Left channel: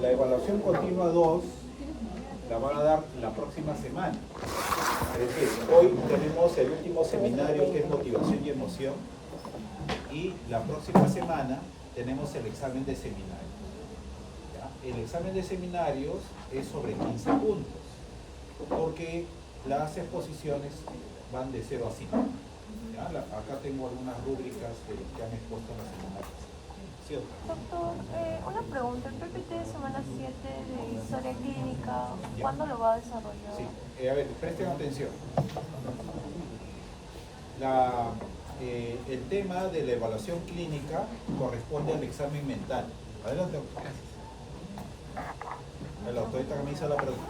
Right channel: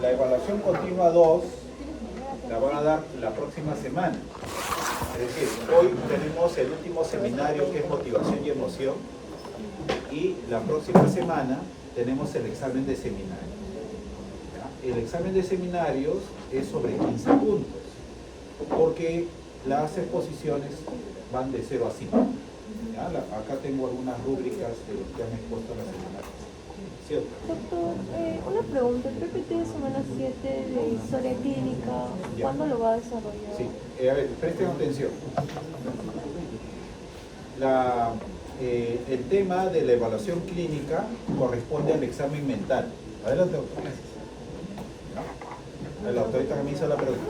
La evaluación continua 2 la van a dar la próxima semana. Es decir, hoy tenemos el último seminario que es motivación y emoción, y la próxima semana tenemos el examen de seminario. ¿Ya? El examen de seminarios es sobre 15 puntos, porque las exposiciones van de 0 a 5. ¿Ya? Acá tengo algunas rúbricas de los que han expuesto en la seminario. ¿Cierto? Doctor, una pregunta, el PPT de semana 7 de historia clínica, ¿cuándo lo va a desarrollar? Sí, a ver, presten atención. El tema de la evaluación clínica corresponde al examen mental. Adelante, doctor. La autorita que me hizo la pregunta.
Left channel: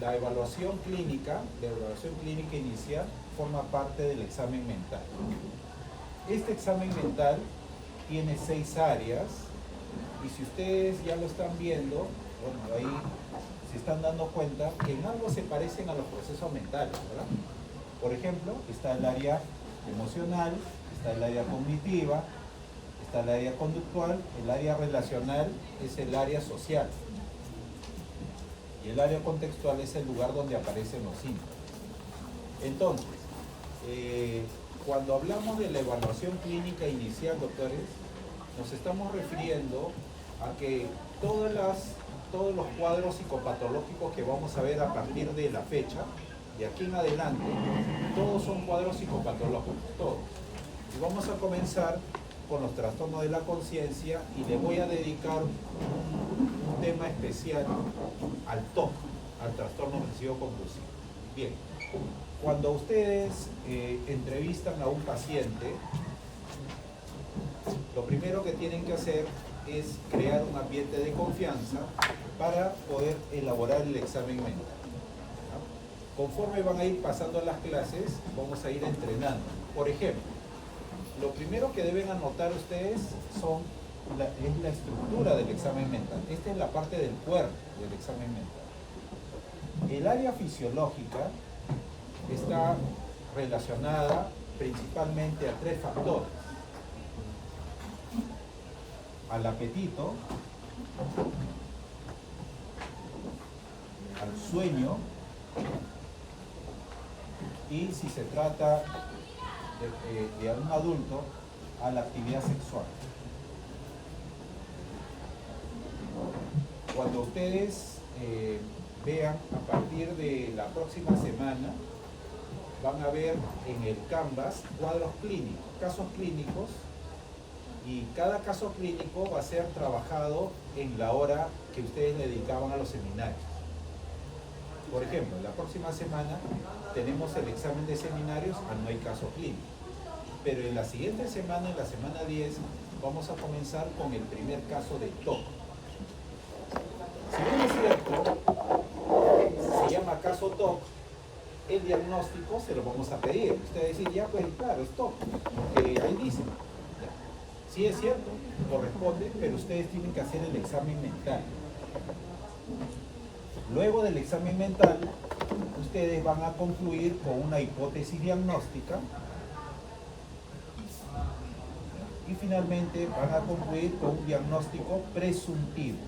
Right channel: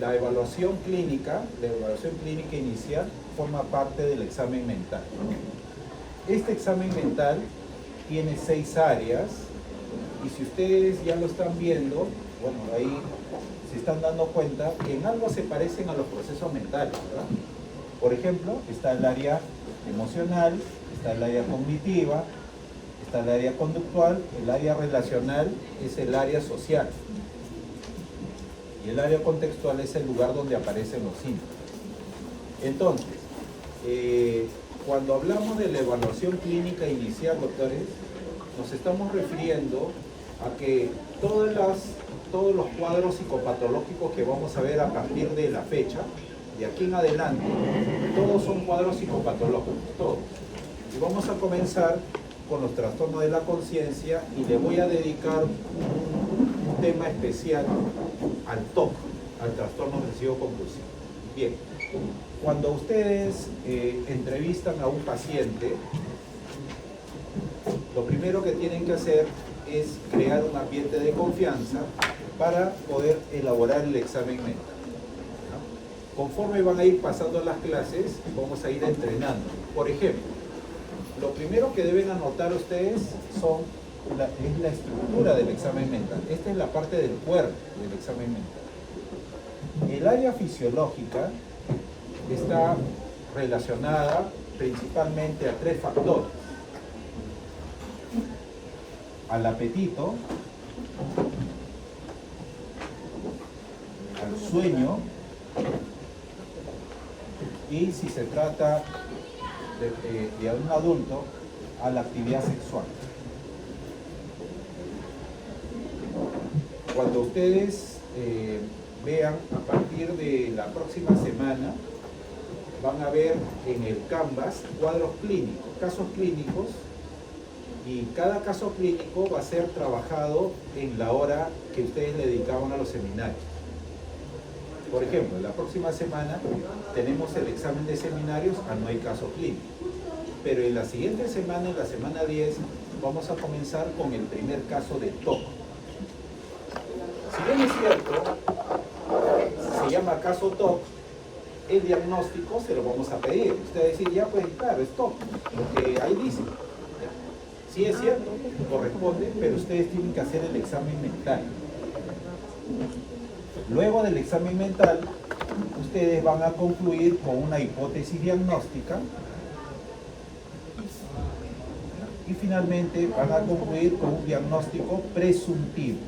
La evaluación clínica inicial forma parte del examen mental. Este examen mental tiene 6 áreas, y si ustedes ya lo están viendo, bueno, ahí se están dando cuenta que en algo se parecen a los procesos mentales, ¿verdad? Por ejemplo, está el área emocional, está el área cognitiva, está el área conductual, el área relacional es el área social, y el área contextual es el lugar donde aparecen los síntomas. Entonces, cuando hablamos de la evaluación clínica inicial, doctores, nos estamos refiriendo a que todos los cuadros psicopatológicos que vamos a ver a partir de la fecha, de aquí en adelante, todos son cuadros psicopatológicos, todos. Y vamos a comenzar con los trastornos de la conciencia, y le voy a dedicar un tema especial al TOC, al trastorno obsesivo compulsivo. Bien. Cuando ustedes entrevistan a un paciente, lo primero que tienen que hacer es crear un ambiente de confianza para poder elaborar el examen mental. ¿Ya? Conforme van a ir pasando las clases, vamos a ir entrenando. Por ejemplo, lo primero que deben anotar ustedes es la estructura del examen mental. Esta es la parte del cuerpo del examen mental. El área fisiológica está relacionada principalmente a 3 factores: al apetito, al sueño, y si se trata de un adulto, a la actividad sexual. Cuando ustedes vean a partir de la próxima semana, van a ver en el Canvas cuadros clínicos, casos clínicos, y cada caso clínico va a ser trabajado en la hora que ustedes le dedicaban a los seminarios. Por ejemplo, la próxima semana tenemos el examen de seminarios, no hay caso clínico. Pero en la siguiente semana, en la semana 10, vamos a comenzar con el primer caso de TOC. Si bien es cierto, se llama caso TOC, el diagnóstico se lo vamos a pedir. Usted va a decir, ya pues claro, es TOC, porque ahí dice. Sí es cierto, corresponde, pero ustedes tienen que hacer el examen mental. Luego del examen mental, ustedes van a concluir con una hipótesis diagnóstica, y finalmente van a concluir con un diagnóstico presuntivo.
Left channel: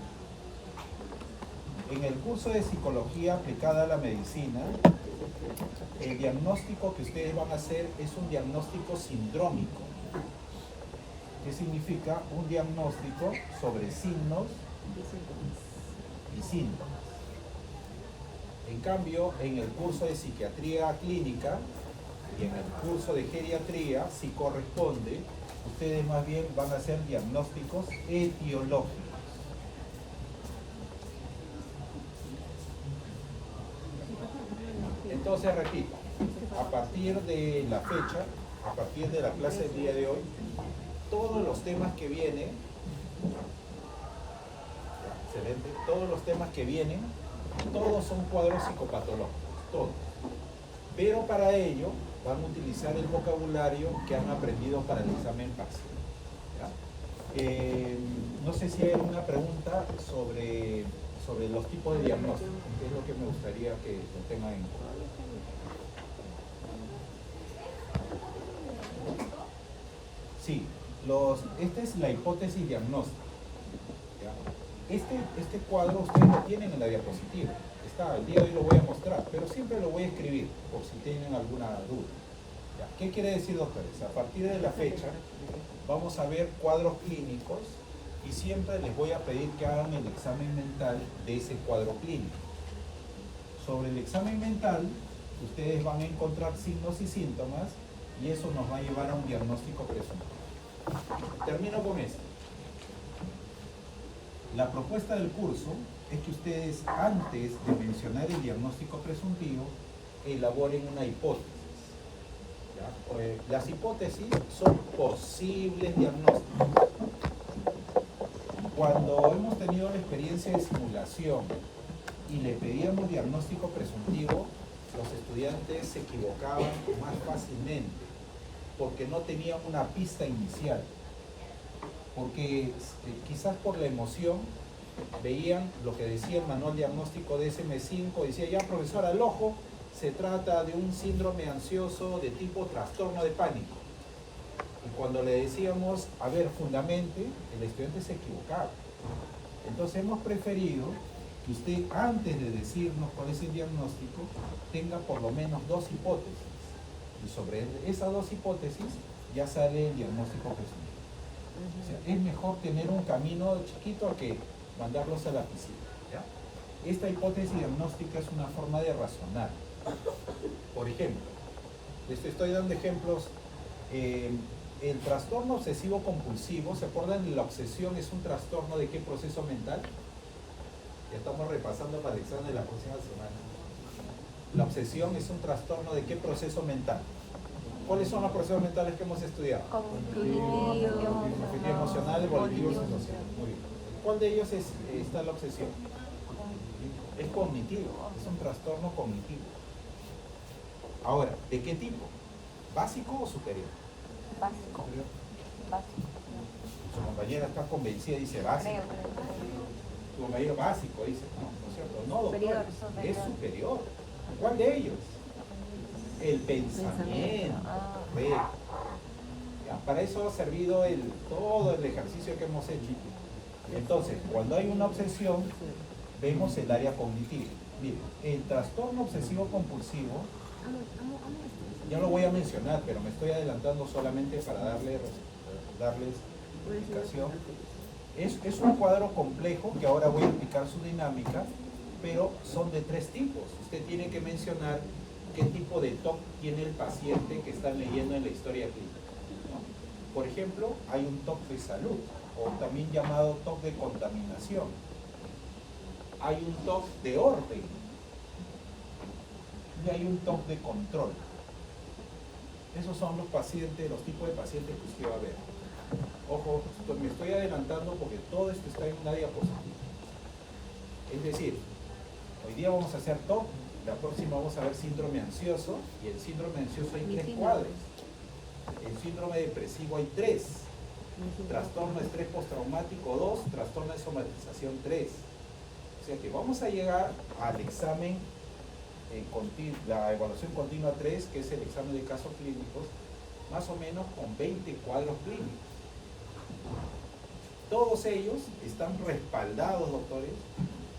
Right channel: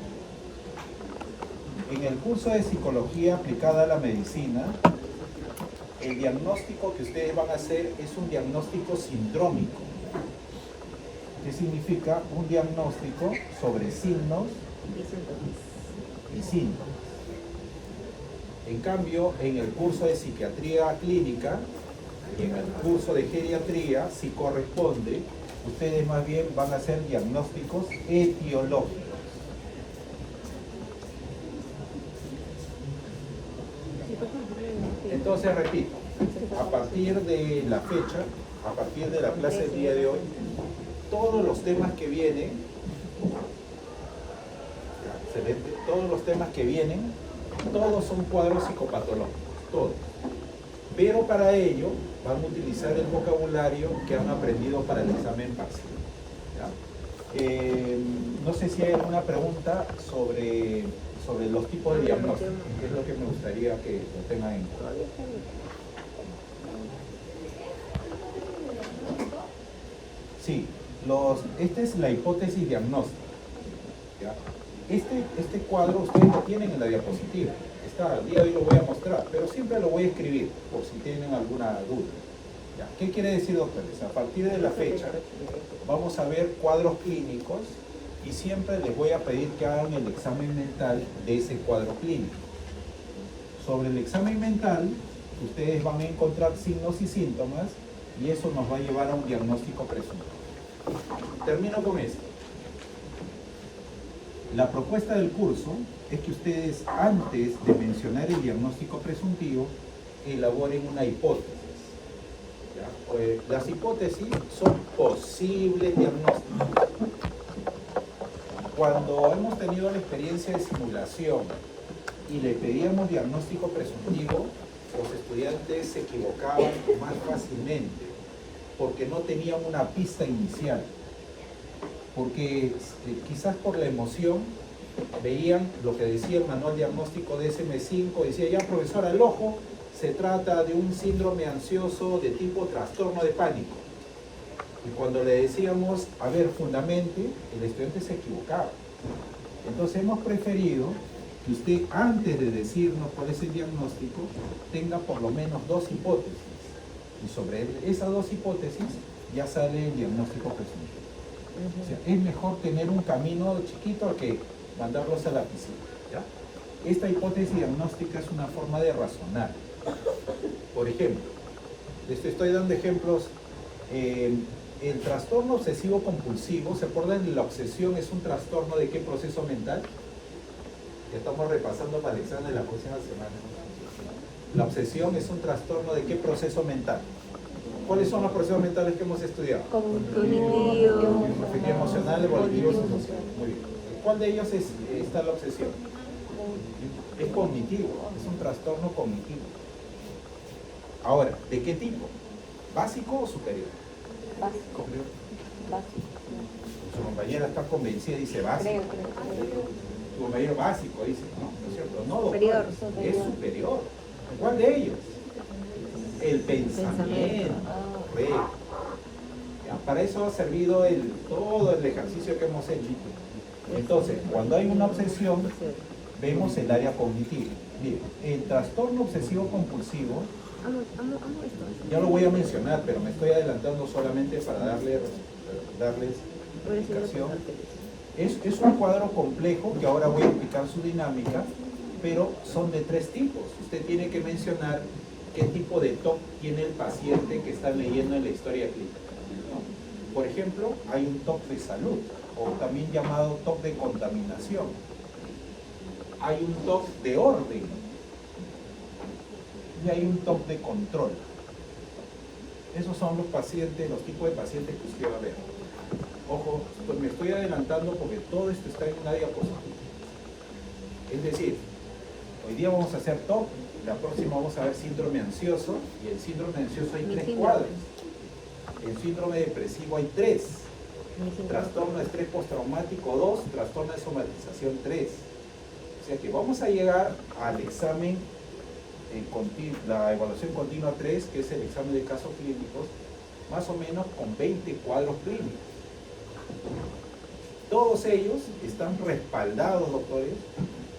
En el curso de psicología aplicada a la medicina, el diagnóstico que ustedes van a hacer es un diagnóstico sindrómico. ¿Qué significa? Un diagnóstico sobre signos y síntomas. En cambio, en el curso de psiquiatría clínica y en el curso de geriatría, si corresponde, ustedes más bien van a hacer diagnósticos etiológicos. Entonces, repito, a partir de la fecha, a partir de la clase del día de hoy, todos los temas que vienen, excelente, todos los temas que vienen, todos son cuadros psicopatológicos, todos. Pero para ello van a utilizar el vocabulario que han aprendido para el examen parcial. No sé si hay alguna pregunta sobre los tipos de diagnóstico, que es lo que me gustaría que lo tengan en cuenta. Sí, Esta es la hipótesis diagnóstica. ¿Ya? Este cuadro ustedes lo tienen en la diapositiva. Al día de hoy lo voy a mostrar, pero siempre lo voy a escribir por si tienen alguna duda. ¿Ya? ¿Qué quiere decir, doctores? A partir de la fecha vamos a ver cuadros clínicos y siempre les voy a pedir que hagan el examen mental de ese cuadro clínico. Sobre el examen mental, ustedes van a encontrar signos y síntomas y eso nos va a llevar a un diagnóstico presuntivo. Termino con esto. La propuesta del curso es que ustedes, antes de mencionar el diagnóstico presuntivo, elaboren una hipótesis. ¿Ya? Las hipótesis son posibles diagnósticos. Cuando hemos tenido la experiencia de simulación y le pedíamos diagnóstico presuntivo, los estudiantes se equivocaban más fácilmente porque no tenían una pista inicial. Porque quizás por la emoción veían lo que decía el manual diagnóstico de DSM-5, decía ya profesora, el ojo se trata de un síndrome ansioso de tipo trastorno de pánico. Y cuando le decíamos, a ver, fundamente, el estudiante se equivocaba. Entonces hemos preferido que usted, antes de decirnos cuál es el diagnóstico, tenga por lo menos dos hipótesis. Y sobre esas dos hipótesis ya sale el diagnóstico presuntivo. O sea, es mejor tener un camino chiquito que mandarlos a la piscina. ¿Ya? Esta hipótesis diagnóstica es una forma de razonar. Por ejemplo, les estoy dando ejemplos. El trastorno obsesivo compulsivo, ¿se acuerdan? La obsesión es un trastorno de qué proceso mental. Ya estamos repasando para el examen de la próxima semana. La obsesión es un trastorno de qué proceso mental. ¿Cuáles son los procesos mentales que hemos estudiado? Cognitivo. Afectivo, emocional, evolutivo y social. Muy bien. ¿Cuál de ellos está la obsesión? Es cognitivo, es un trastorno cognitivo. Ahora, ¿de qué tipo? ¿Básico o superior? Básico. Su compañera está convencida y dice básico. Su compañero básico dice, ¿no es cierto? No, Superior. es superior. ¿Cuál de ellos? El pensamiento. Correcto. Ya, para eso ha servido todo el ejercicio que hemos hecho. Entonces, cuando hay una obsesión, vemos el área cognitiva. Bien, el trastorno obsesivo compulsivo, ya lo voy a mencionar, pero me estoy adelantando solamente para darles explicación. Es un cuadro complejo que ahora voy a explicar su dinámica, pero son de tres tipos. Usted tiene que mencionar qué tipo de TOC tiene el paciente que está leyendo en la historia clínica, ¿no? Por ejemplo, hay un TOC de salud, o también llamado TOC de contaminación. Hay un TOC de orden y hay un TOC de control. Esos son los pacientes, los tipos de pacientes que usted va a ver. Ojo, pues me estoy adelantando porque todo esto está en una diapositiva. Es decir, hoy día vamos a hacer TOC, la próxima vamos a ver síndrome ansioso, y el síndrome ansioso hay tres cuadros. El síndrome depresivo hay tres. Trastorno de estrés postraumático 2, trastorno de somatización 3. O sea que vamos a llegar al examen, la evaluación continua 3, que es el examen de casos clínicos, más o menos con 20 cuadros clínicos. Todos ellos están respaldados, doctores,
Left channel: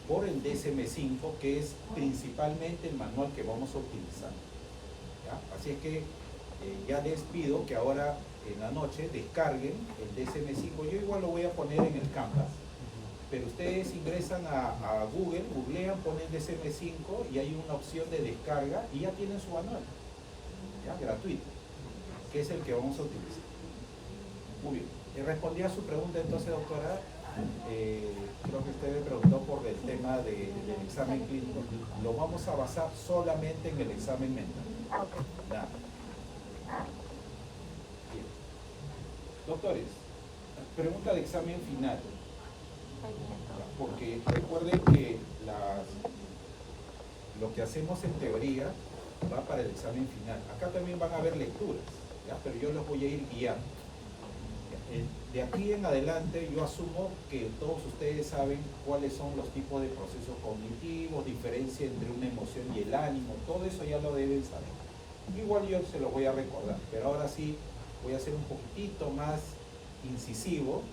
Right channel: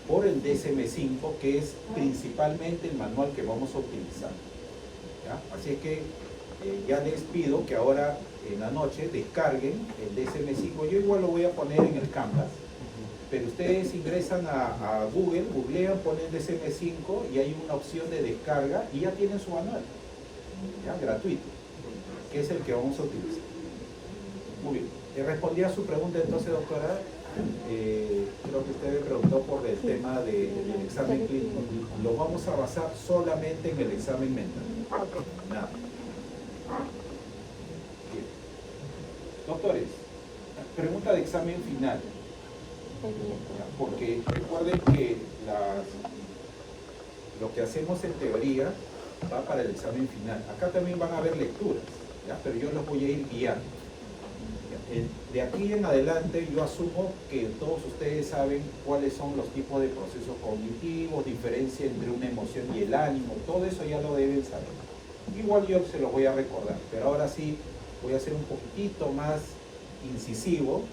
por el DSM-5, que es principalmente el manual que vamos a utilizar. ¿Ya? Así es que ya les pido que ahora en la noche descarguen el DSM-5. Yo igual lo voy a poner en el Canvas, pero ustedes ingresan a Google, googlean, ponen DSM-5 y hay una opción de descarga y ya tienen su manual, ¿ya? Gratuito, que es el que vamos a utilizar. Muy bien. Respondí a su pregunta entonces, doctora. Creo que usted me preguntó por el tema del examen clínico. Lo vamos a basar solamente en el examen mental. Nada. Bien. Doctores, pregunta de examen final. Ya, porque recuerden que lo que hacemos en teoría va para el examen final. Acá también van a haber lecturas, ¿ya? Pero yo los voy a ir guiando. De aquí en adelante yo asumo que todos ustedes saben cuáles son los tipos de procesos cognitivos, diferencia entre una emoción y el ánimo, todo eso ya lo deben saber. Igual yo se los voy a recordar, pero ahora sí voy a hacer un poquitito más incisivo,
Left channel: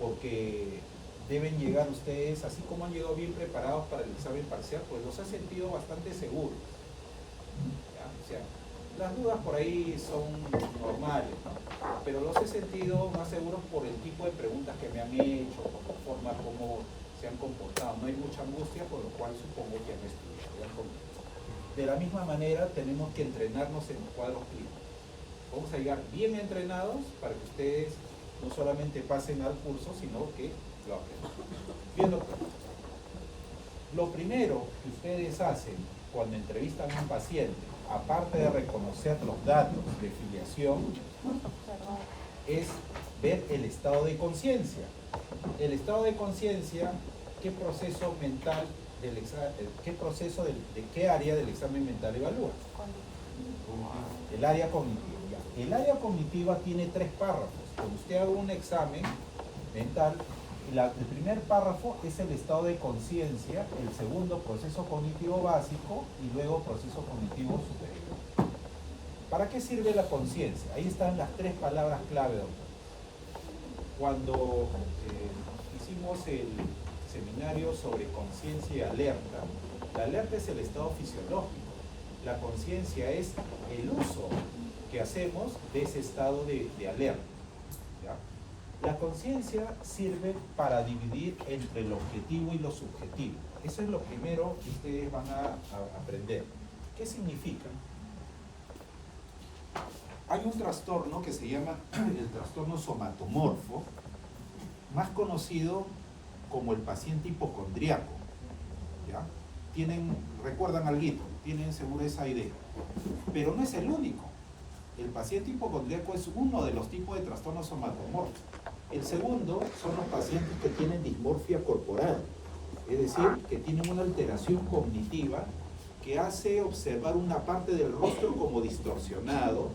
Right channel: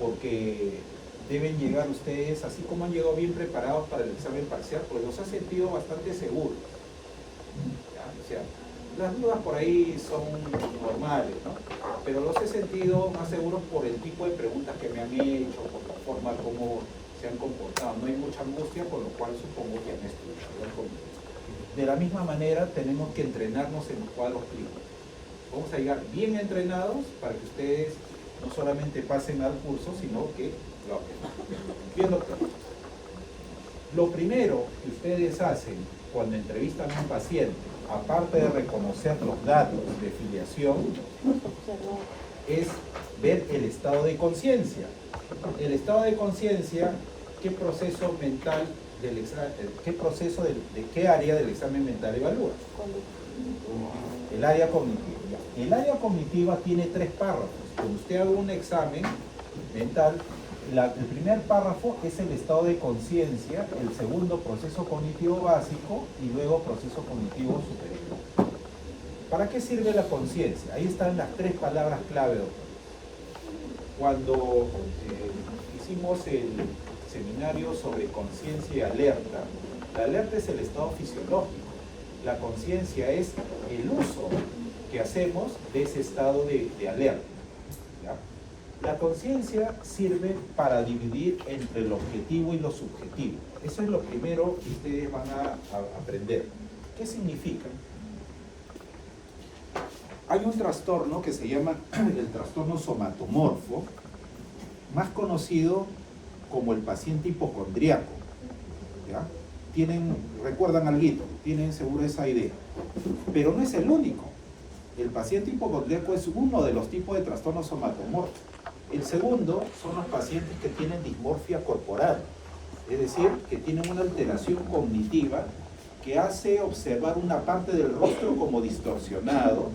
porque deben llegar ustedes, así como han llegado bien preparados para el examen parcial, pues los ha sentido bastante seguros. ¿Ya? O sea, las dudas por ahí son normales, ¿no? Pero los he sentido más seguros por el tipo de preguntas que me han hecho, por la forma como se han comportado. No hay mucha angustia, por lo cual supongo que han estudiado conmigo. De la misma manera, tenemos que entrenarnos en los cuadros clínicos. Vamos a llegar bien entrenados para que ustedes no solamente pasen al curso, sino que lo aprendan. Bien, doctor. Lo primero que ustedes hacen cuando entrevistan a un paciente, aparte de reconocer los datos de filiación, es ver el estado de conciencia. El estado de conciencia, ¿qué proceso mental del examen, de qué área del examen mental evalúa? El área cognitiva. El área cognitiva tiene 3 párrafos. Cuando usted haga un examen mental, el primer párrafo es el estado de conciencia, el segundo proceso cognitivo básico y luego proceso cognitivo superior. ¿Para qué sirve la conciencia? Ahí están las 3 palabras clave, doctor. Cuando hicimos el seminario sobre conciencia y alerta, la alerta es el estado fisiológico, la conciencia es el uso que hacemos de ese estado de alerta. ¿Ya? La conciencia sirve para dividir entre el objetivo y lo subjetivo. Eso es lo primero que ustedes van a aprender. ¿Qué significa? Hay un trastorno que se llama el trastorno somatomorfo, más conocido como el paciente hipocondríaco. ¿Ya? Recuerdan alguito, tienen seguro esa idea. Pero no es el único. El paciente hipocondríaco es uno de los tipos de trastornos somatomorfos. El segundo son los pacientes que tienen dismorfia corporal, es decir, que tienen una alteración cognitiva que hace observar una parte del rostro como distorsionado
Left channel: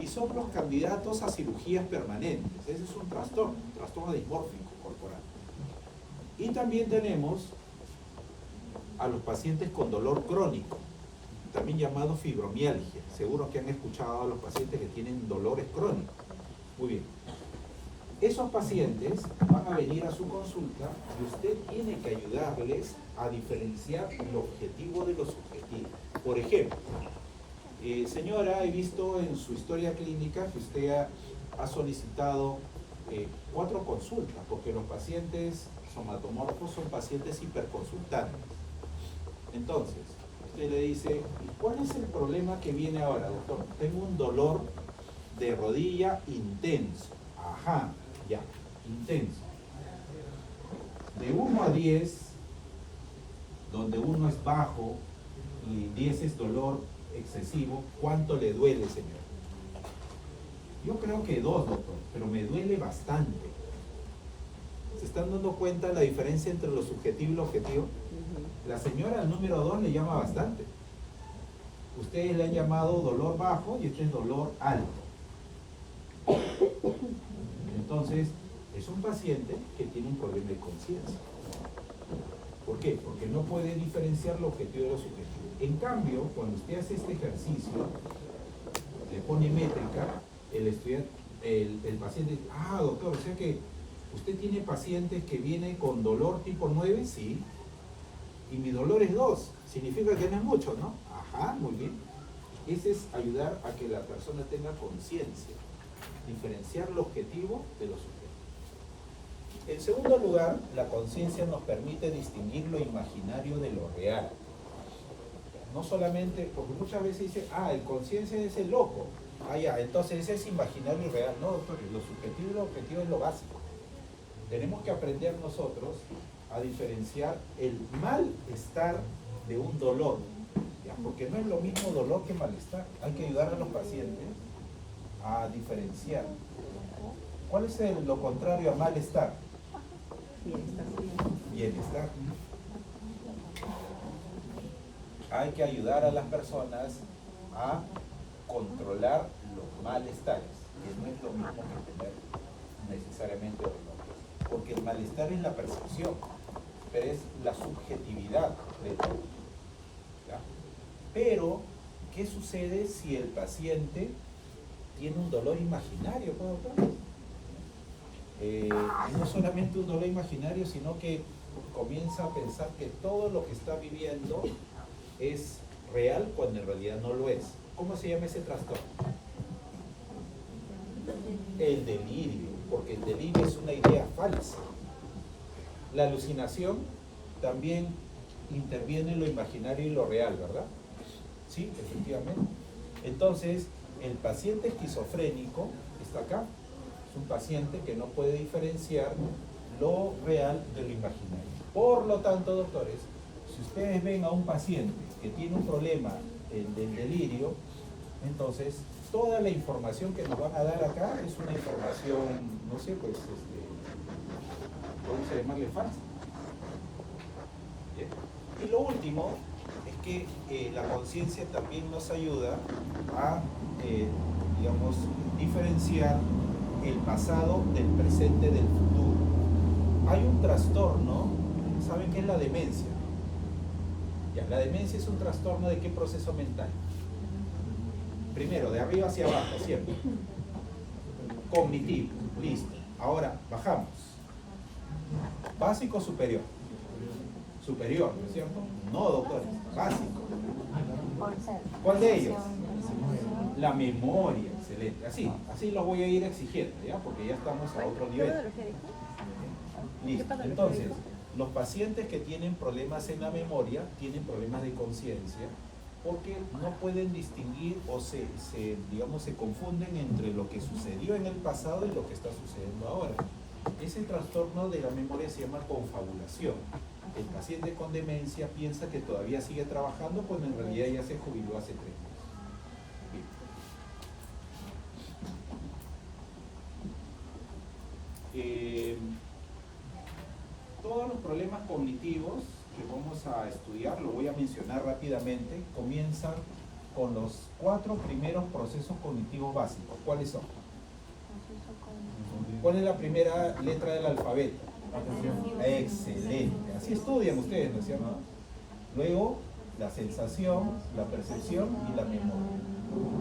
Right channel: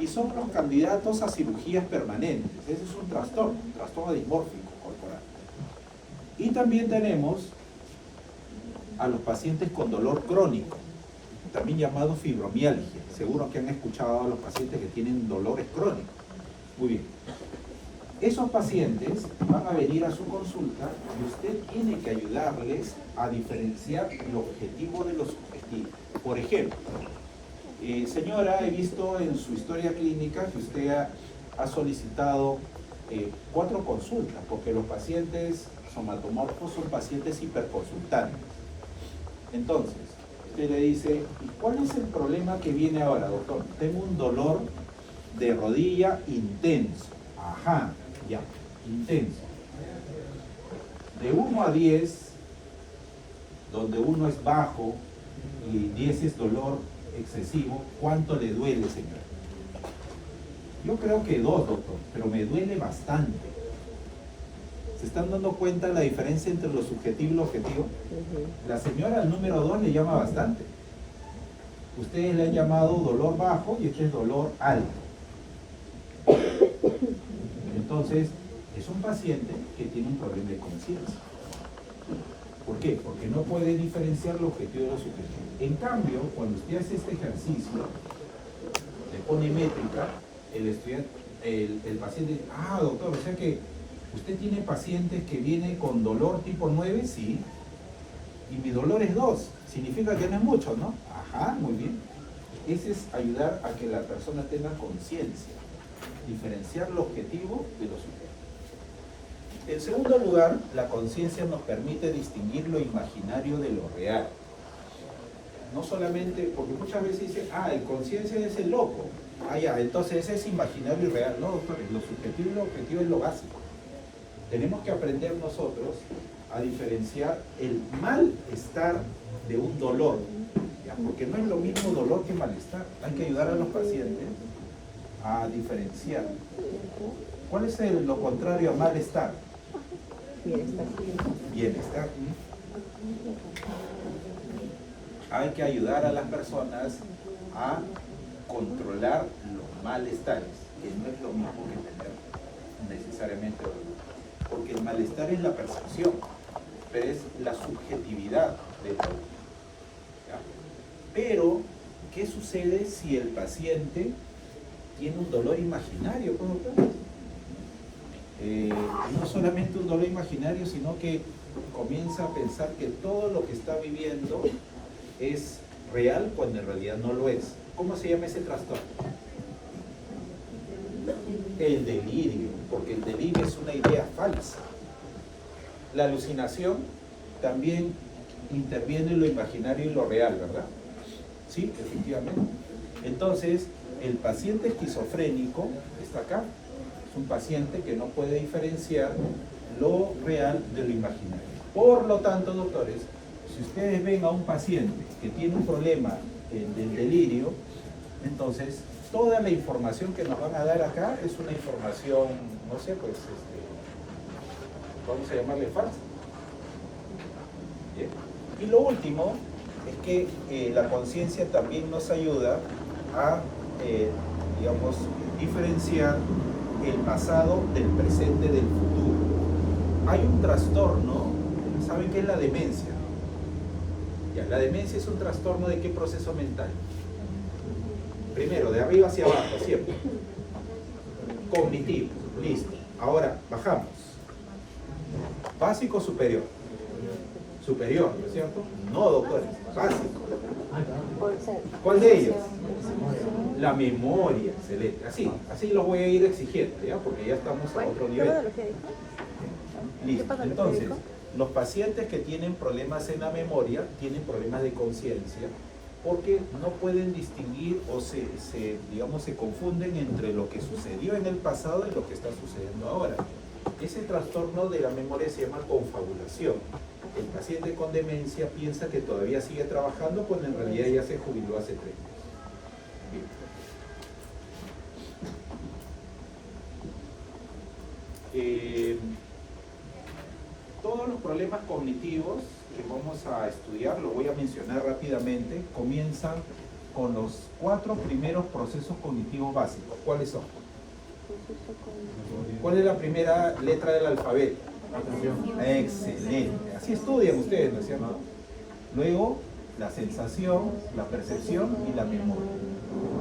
y son los candidatos a cirugías permanentes. Ese es un trastorno dismórfico corporal. Y también tenemos a los pacientes con dolor crónico, también llamado fibromialgia. Seguro que han escuchado a los pacientes que tienen dolores crónicos. Muy bien. Esos pacientes van a venir a su consulta y usted tiene que ayudarles a diferenciar lo objetivo de lo subjetivo. Por ejemplo, señora, he visto en su historia clínica que usted ha solicitado 4 consultas, porque los pacientes somatomorfos son pacientes hiperconsultantes. Entonces, usted le dice, ¿cuál es el problema que viene ahora, doctor? Tengo un dolor de rodilla intenso. Ajá, ya, intenso. De 1 a 10, donde 1 es bajo y 10 es dolor excesivo, ¿cuánto le duele, señor? Yo creo que 2, doctor, pero me duele bastante. ¿Se están dando cuenta la diferencia entre lo subjetivo y lo objetivo? La señora al número 2 le llama bastante. Ustedes le han llamado dolor bajo y este es dolor alto. Entonces, es un paciente que tiene un problema de conciencia. ¿Por qué? Porque no puede diferenciar lo objetivo de lo subjetivo. En cambio, cuando usted hace este ejercicio, le pone métrica, el paciente dice, ah, doctor, o sea que usted tiene pacientes que vienen con dolor tipo 9, sí, y mi dolor es 2, significa que no es mucho, ¿no? Ajá, muy bien. Ese es ayudar a que la persona tenga conciencia, diferenciar lo objetivo de lo subjetivo. En segundo lugar, la conciencia nos permite distinguir lo imaginario de lo real. No solamente, porque muchas veces dicen, el conciencia es el loco. Ya, entonces ese es imaginario y real. No, doctores, lo subjetivo y lo objetivo es lo básico. Tenemos que aprender nosotros a diferenciar el malestar de un dolor, ¿ya? Porque no es lo mismo dolor que malestar. Hay que ayudar a los pacientes a diferenciar. ¿Cuál es lo contrario a malestar? Bienestar. Bienestar. Hay que ayudar a las personas a controlar los malestares, que no es lo mismo que tener necesariamente dolor. Porque el malestar es la percepción, pero es la subjetividad del dolor. ¿Ya? Pero, ¿qué sucede si el paciente tiene un dolor imaginario? no solamente un dolor imaginario, sino que comienza a pensar que todo lo que está viviendo es real cuando en realidad no lo es. ¿Cómo se llama ese trastorno? El delirio, porque el delirio es una idea falsa. La alucinación también interviene en lo imaginario y lo real, ¿verdad? Sí, efectivamente. Entonces, el paciente esquizofrénico está acá. Es un paciente que no puede diferenciar lo real de lo imaginario. Por lo tanto, doctores, si ustedes ven a un paciente que tiene un problema del delirio, entonces toda la información que nos van a dar acá es una información, no sé, pues, vamos a llamarle falsa. ¿Bien? Y lo último es que la conciencia también nos ayuda a, digamos, diferenciar el pasado del presente del futuro. Hay un trastorno, ¿saben qué es la demencia? Ya, la demencia es un trastorno ¿de qué proceso mental? Primero, de arriba hacia abajo, siempre. Cognitivo, listo. Ahora, bajamos. Básico, superior. Superior, ¿no es cierto? No, doctores, básico. ¿Cuál de ellos? La memoria, excelente. Así lo voy a ir exigiendo, ¿ya? Porque ya estamos a otro nivel. Listo. Entonces, los pacientes que tienen problemas en la memoria tienen problemas de conciencia porque no pueden distinguir o digamos, se confunden entre lo que sucedió en el pasado y lo que está sucediendo ahora. Ese trastorno de la memoria se llama confabulación. El paciente con demencia piensa que todavía sigue trabajando cuando en realidad ya se jubiló hace 3 años. Todos los problemas cognitivos que vamos a estudiar, lo voy a mencionar rápidamente, comienzan con los 4 primeros procesos cognitivos básicos. ¿Cuáles son? ¿Cuál es la primera letra del alfabeto? Excelente. Así estudian ustedes, ¿no es cierto? Luego, la sensación, la percepción y la memoria.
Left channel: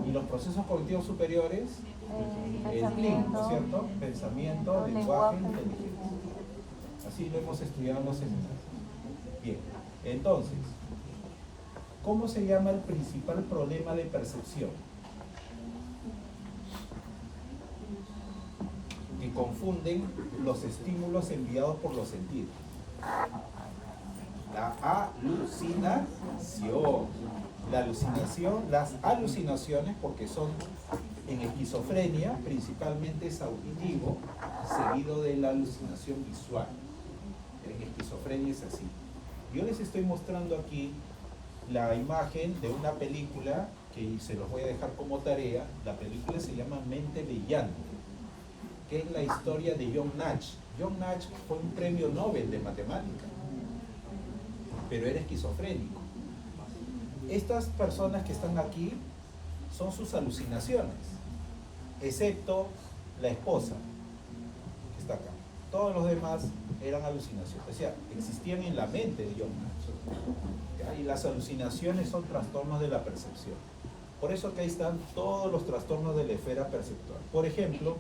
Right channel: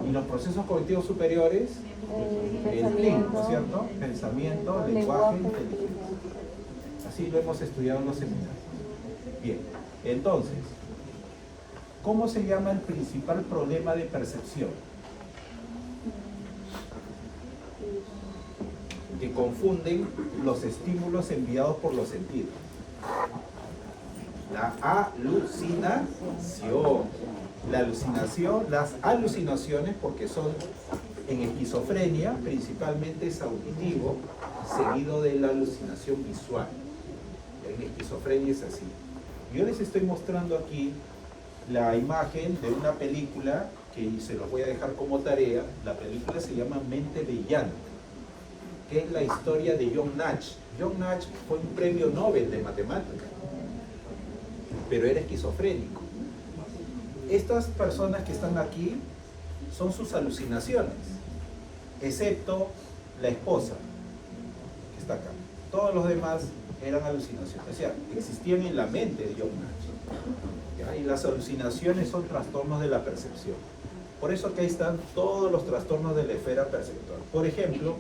Y los procesos cognitivos superiores, el PLIN, ¿no es cierto? Pensamiento, lenguaje, inteligencia. Así lo hemos estudiado en los seminarios. Bien, entonces, ¿cómo se llama el principal problema de percepción? Que confunden los estímulos enviados por los sentidos. La alucinación. La alucinación, las alucinaciones, porque son en esquizofrenia, principalmente es auditivo, seguido de la alucinación visual. En esquizofrenia es así. Yo les estoy mostrando aquí la imagen de una película que se los voy a dejar como tarea. La película se llama Mente Brillante, que es la historia de John Nash. John Nash fue un premio Nobel de matemática, pero era esquizofrénico. Estas personas que están aquí son sus alucinaciones, excepto la esposa, que está acá. Todos los demás eran alucinaciones, o sea, existían en la mente de John Nash. ¿Ya? Y las alucinaciones son trastornos de la percepción. Por eso que ahí están todos los trastornos de la esfera perceptual. Por ejemplo,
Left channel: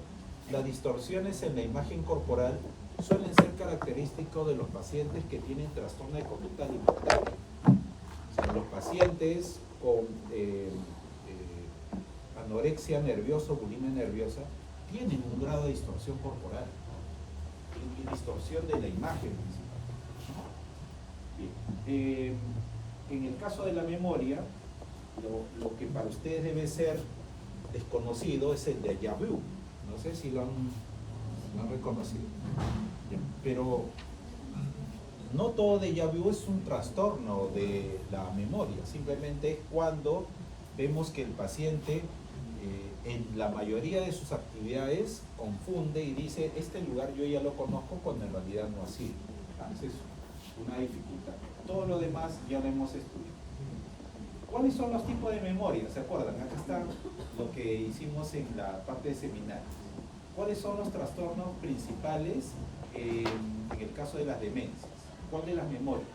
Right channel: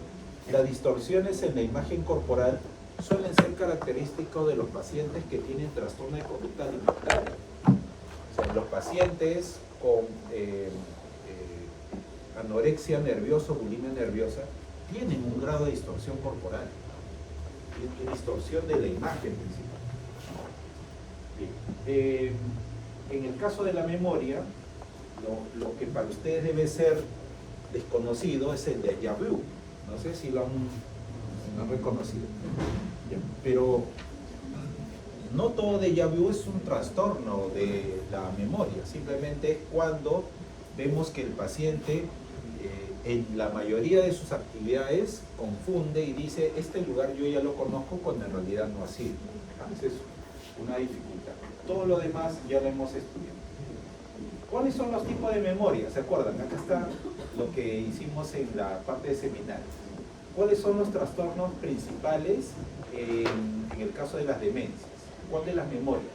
las distorsiones en la imagen corporal suelen ser característicos de los pacientes que tienen trastorno de conducta alimentaria. O sea, los pacientes con anorexia nerviosa, bulimia nerviosa, tienen un grado de distorsión corporal, y distorsión de la imagen principal. En el caso de la memoria, lo que para ustedes debe ser desconocido es el déjà vu. No sé si lo han reconocido. Pero no todo déjà vu es un trastorno de la memoria, simplemente es cuando vemos que el paciente en la mayoría de sus actividades confunde y dice, este lugar yo ya lo conozco, cuando en realidad no ha sido. Esa es una dificultad. Todo lo demás ya lo hemos estudiado. ¿Cuáles son los tipos de memoria? ¿Se acuerdan? Acá está lo que hicimos en la parte de seminario. ¿Cuáles son los trastornos principales en el caso de las demencias? ¿Cuál de las memorias?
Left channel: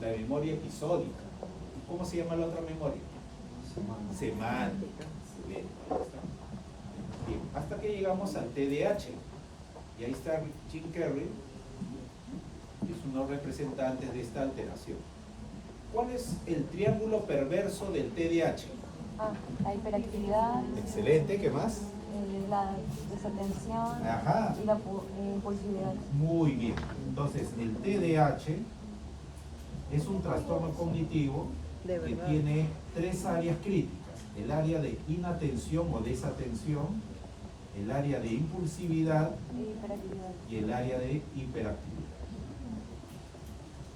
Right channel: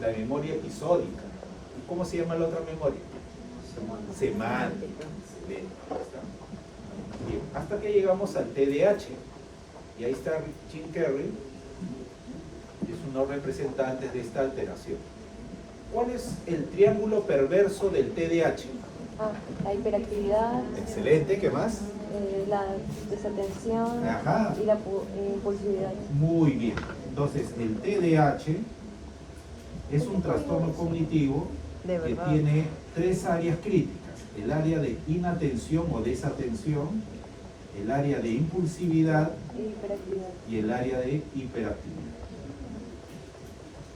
La memoria episódica. ¿Y cómo se llama la otra memoria? Semántica. Bien, hasta que llegamos al TDAH. Y ahí está Jim Carrey, que es uno de los representantes de esta alteración. ¿Cuál es el triángulo perverso del TDAH? La hiperactividad. Excelente, ¿qué más? La desatención. Ajá. Y la impulsividad. Muy bien. Entonces, el TDAH es un trastorno cognitivo que tiene 3 áreas críticas. El área de inatención o desatención, el área de impulsividad y el área de hiperactividad.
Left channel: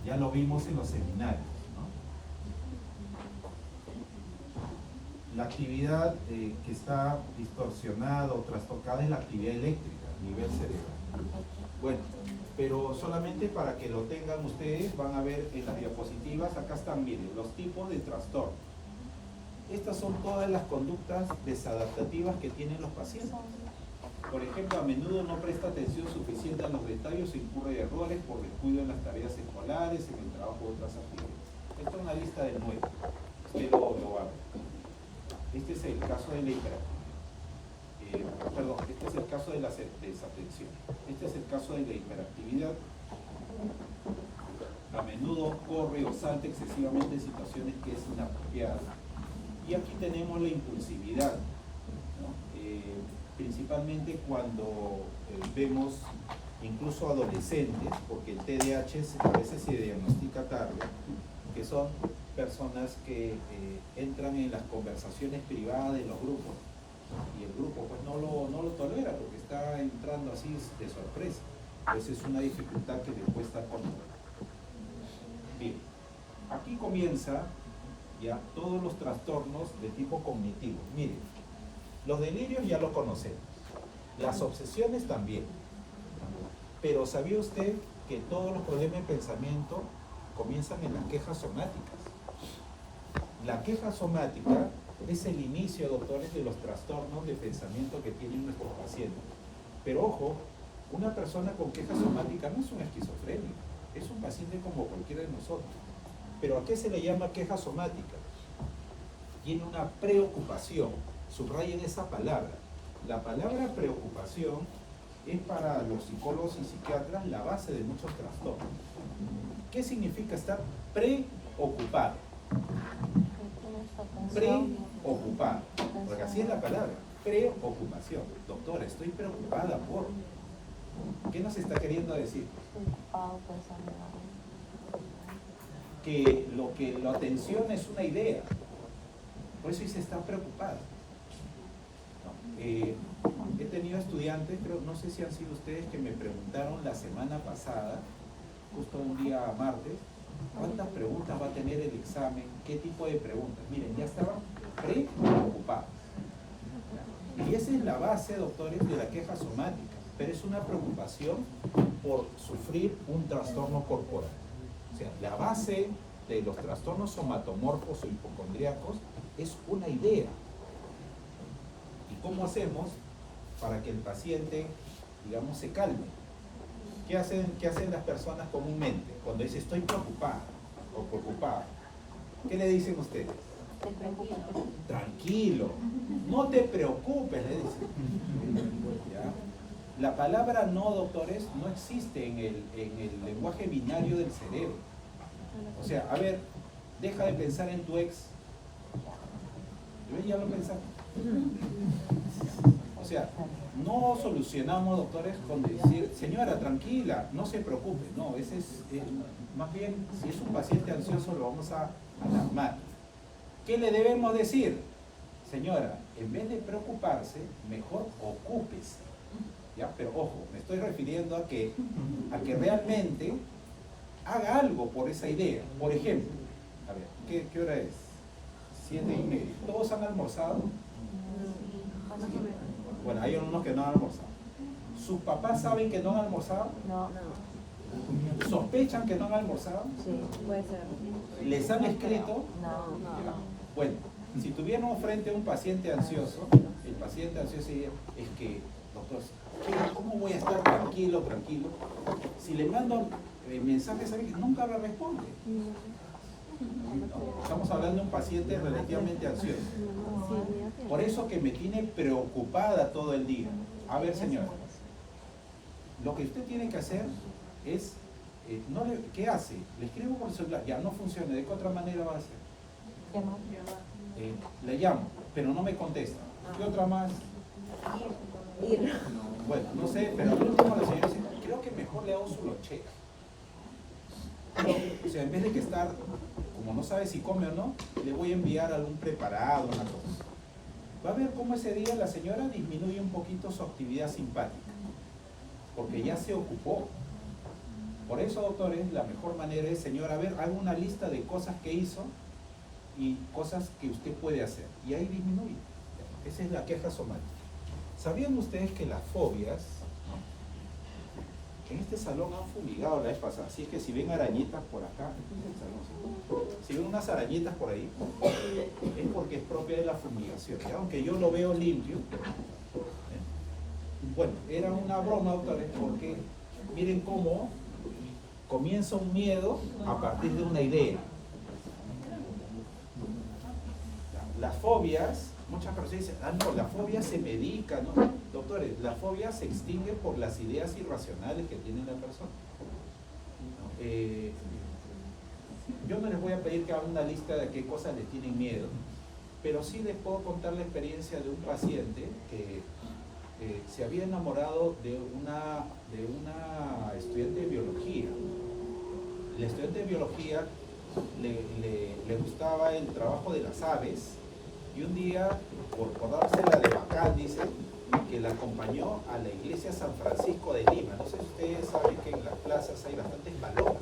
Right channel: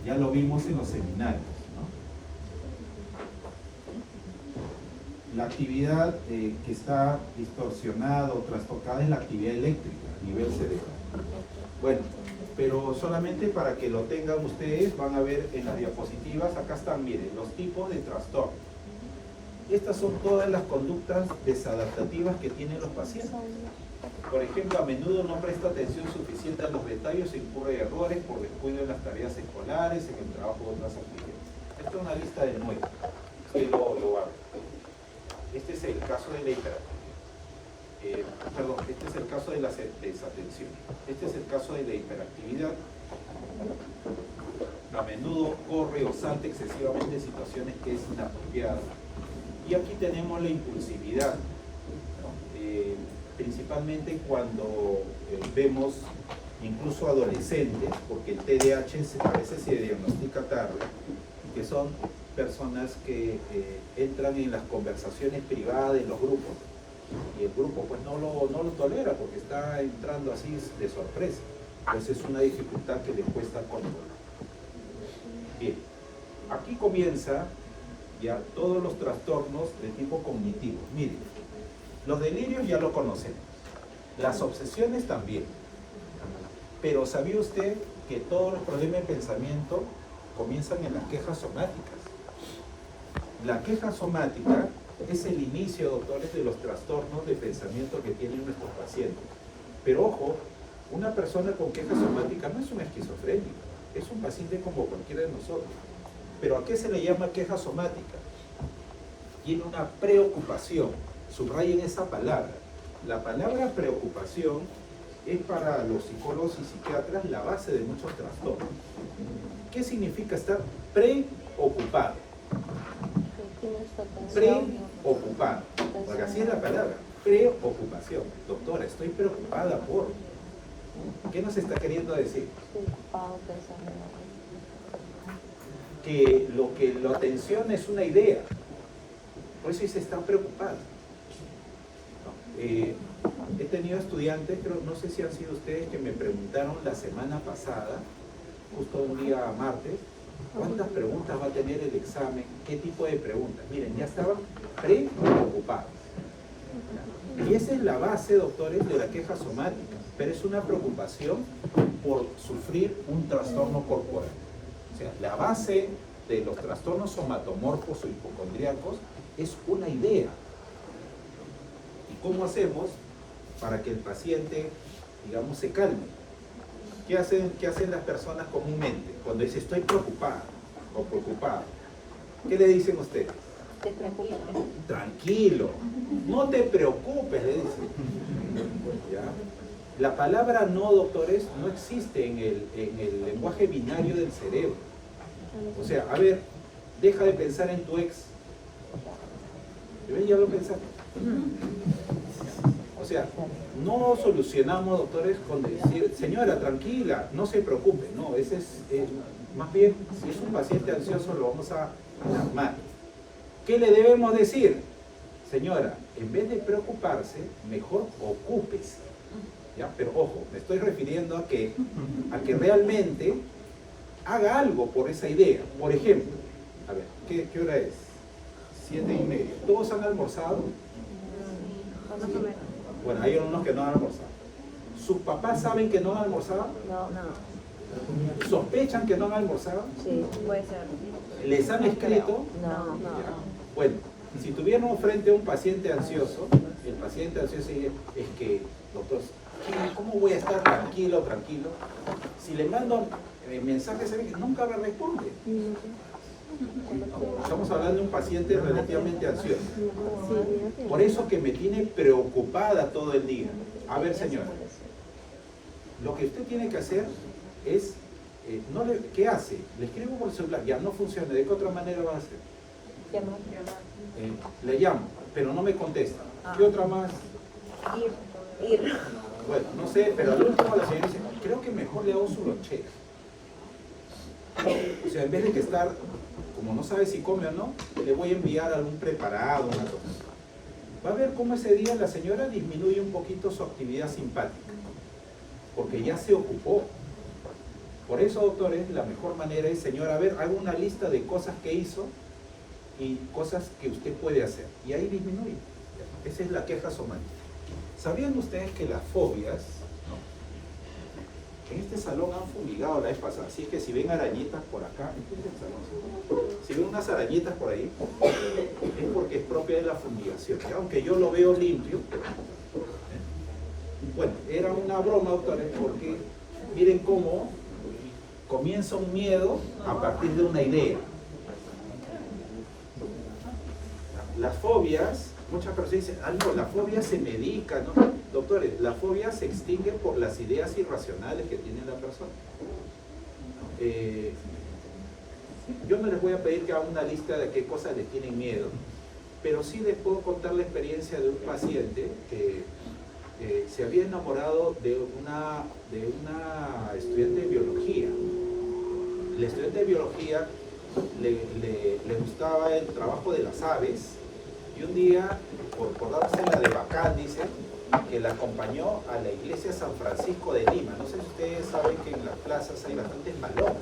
Ya lo vimos en los seminarios, ¿no? La actividad que está distorsionada o trastocada es la actividad eléctrica a nivel cerebral. Bueno, pero solamente para que lo tengan ustedes, van a ver en las diapositivas, acá están, miren, los tipos de trastorno. Estas son todas las conductas desadaptativas que tienen los pacientes. Por ejemplo, a menudo no presta atención suficiente a los detalles e incurre errores por descuido en las tareas escolares, en el trabajo de otras actividades. Esta es una lista de 9. Ustedes lo van. Este es el caso de la este es el caso de la desatención. Este es el caso de la hiperactividad. A menudo corre o salta excesivamente en situaciones que es inapropiada. Y aquí tenemos la impulsividad, ¿no? Principalmente cuando vemos incluso adolescentes, porque el TDAH a veces se diagnostica tarde, que son personas que entran en las conversaciones privadas de los grupos y el grupo pues no lo tolera porque está entrando así de sorpresa. Entonces es una dificultad que le cuesta controlar. Bien, aquí comienza ya todos los trastornos de tipo cognitivo. Miren, los delirios ya lo conocemos, las obsesiones también, pero ¿sabía usted que todos los problemas de pensamiento comienzan en las quejas somáticas? La queja somática es el inicio, doctores, de los trastornos de pensamiento que tienen nuestros pacientes. Pero ojo, una persona con queja somática no es un esquizofrénico, es un paciente como cualquiera de nosotros. ¿Pero a qué se le llama queja somática? Tiene una preocupación. Subrayen esa palabra. La palabra preocupación es para los psicólogos y psiquiatras la base de muchos trastornos. ¿Qué significa estar preocupado? Preocupado. Porque así es la palabra. Preocupación. Doctora, estoy preocupada por... ¿Qué nos está queriendo decir? Que la atención es una idea, por eso dice está preocupada. ¿No? He tenido estudiantes, no sé si han sido ustedes, que me preguntaron la semana pasada, justo un día martes, ¿cuántas preguntas va a tener el examen? ¿Qué tipo de preguntas? Miren, ya estaban preocupados. Y esa es la base, doctores, de la queja somática, pero es una preocupación por sufrir un trastorno corporal. O sea, la base de los trastornos somatomorfos o hipocondríacos es una idea. ¿Y cómo hacemos para que el paciente, digamos, se calme? ¿Qué hacen las personas comúnmente? Cuando dice estoy preocupada o preocupado, ¿qué le dicen ustedes? Tranquilo, no te preocupes, le dicen. ¿Ya? La palabra no, doctores, no existe en el lenguaje binario del cerebro. O sea, a ver, deja de pensar en tu ex. ¿Ven? Ya lo pensaste. O sea, no solucionamos, doctores, con decir, señora, tranquila, no se preocupe. No, ese es más bien, si es un paciente ansioso, lo vamos a calmar. ¿Qué le debemos decir? Señora, en vez de preocuparse, mejor ocúpese. ¿Ya? Pero ojo, me estoy refiriendo a que realmente haga algo por esa idea. Por ejemplo, a ver, ¿qué hora es? 7:30. ¿Todos han almorzado? Sí. Bueno, hay unos que no han almorzado. ¿Sus papás saben que no han almorzado? No. ¿Sospechan que no han almorzado? Sí, puede ser. ¿Les han escrito? No. Bueno, si tuvieron frente a un paciente ansioso, el paciente ansioso diría, es que, doctor, ¿cómo voy a estar tranquilo? Si le mando mensajes, ¿saben que nunca me responde? Estamos hablando de un paciente relativamente ansioso. Por eso que me tiene preocupada todo el día. A ver, señora, Lo que usted tiene que hacer es, ¿qué hace? Le escribo por el celular, ya no funciona, ¿de qué otra manera va a hacer? Le llamo, pero no me contesta. ¿Qué otra más? Ir. Bueno, no sé, pero al último la señora dice, creo que mejor le hago su lonchera. O sea, en vez de que estar, como no sabe si come o no, le voy a enviar algún preparado, una cosa. Va a ver cómo ese día la señora disminuye un poquito su actividad simpática, porque ya se ocupó. Por eso, doctores, la mejor manera es, señora, a ver, haga una lista de cosas que hizo y cosas que usted puede hacer. Y ahí disminuye. Esa es la queja somática. ¿Sabían ustedes que las fobias, ¿no? En este salón han fumigado la vez pasada, así que si ven arañitas por acá, este es el salón, ¿sí? Si ven unas arañitas por ahí, es porque es propia de la fumigación, ¿ya? Aunque yo lo veo limpio. Bueno, era una broma, doctores, porque miren cómo comienza un miedo a partir de una idea. Las fobias, muchas personas dicen, no, la fobia se medica, ¿no? Doctores, la fobia se extingue por las ideas irracionales que tiene la persona. Yo no les voy a pedir que hagan una lista de qué cosas les tienen miedo, pero sí les puedo contar la experiencia de un paciente que se había enamorado de una estudiante de biología. La estudiante de biología le gustaba el trabajo de las aves y un día, por dársela de bacán, dice, que la acompañó a la iglesia San Francisco de Lima. No sé si ustedes saben que en las plazas hay bastantes palomas.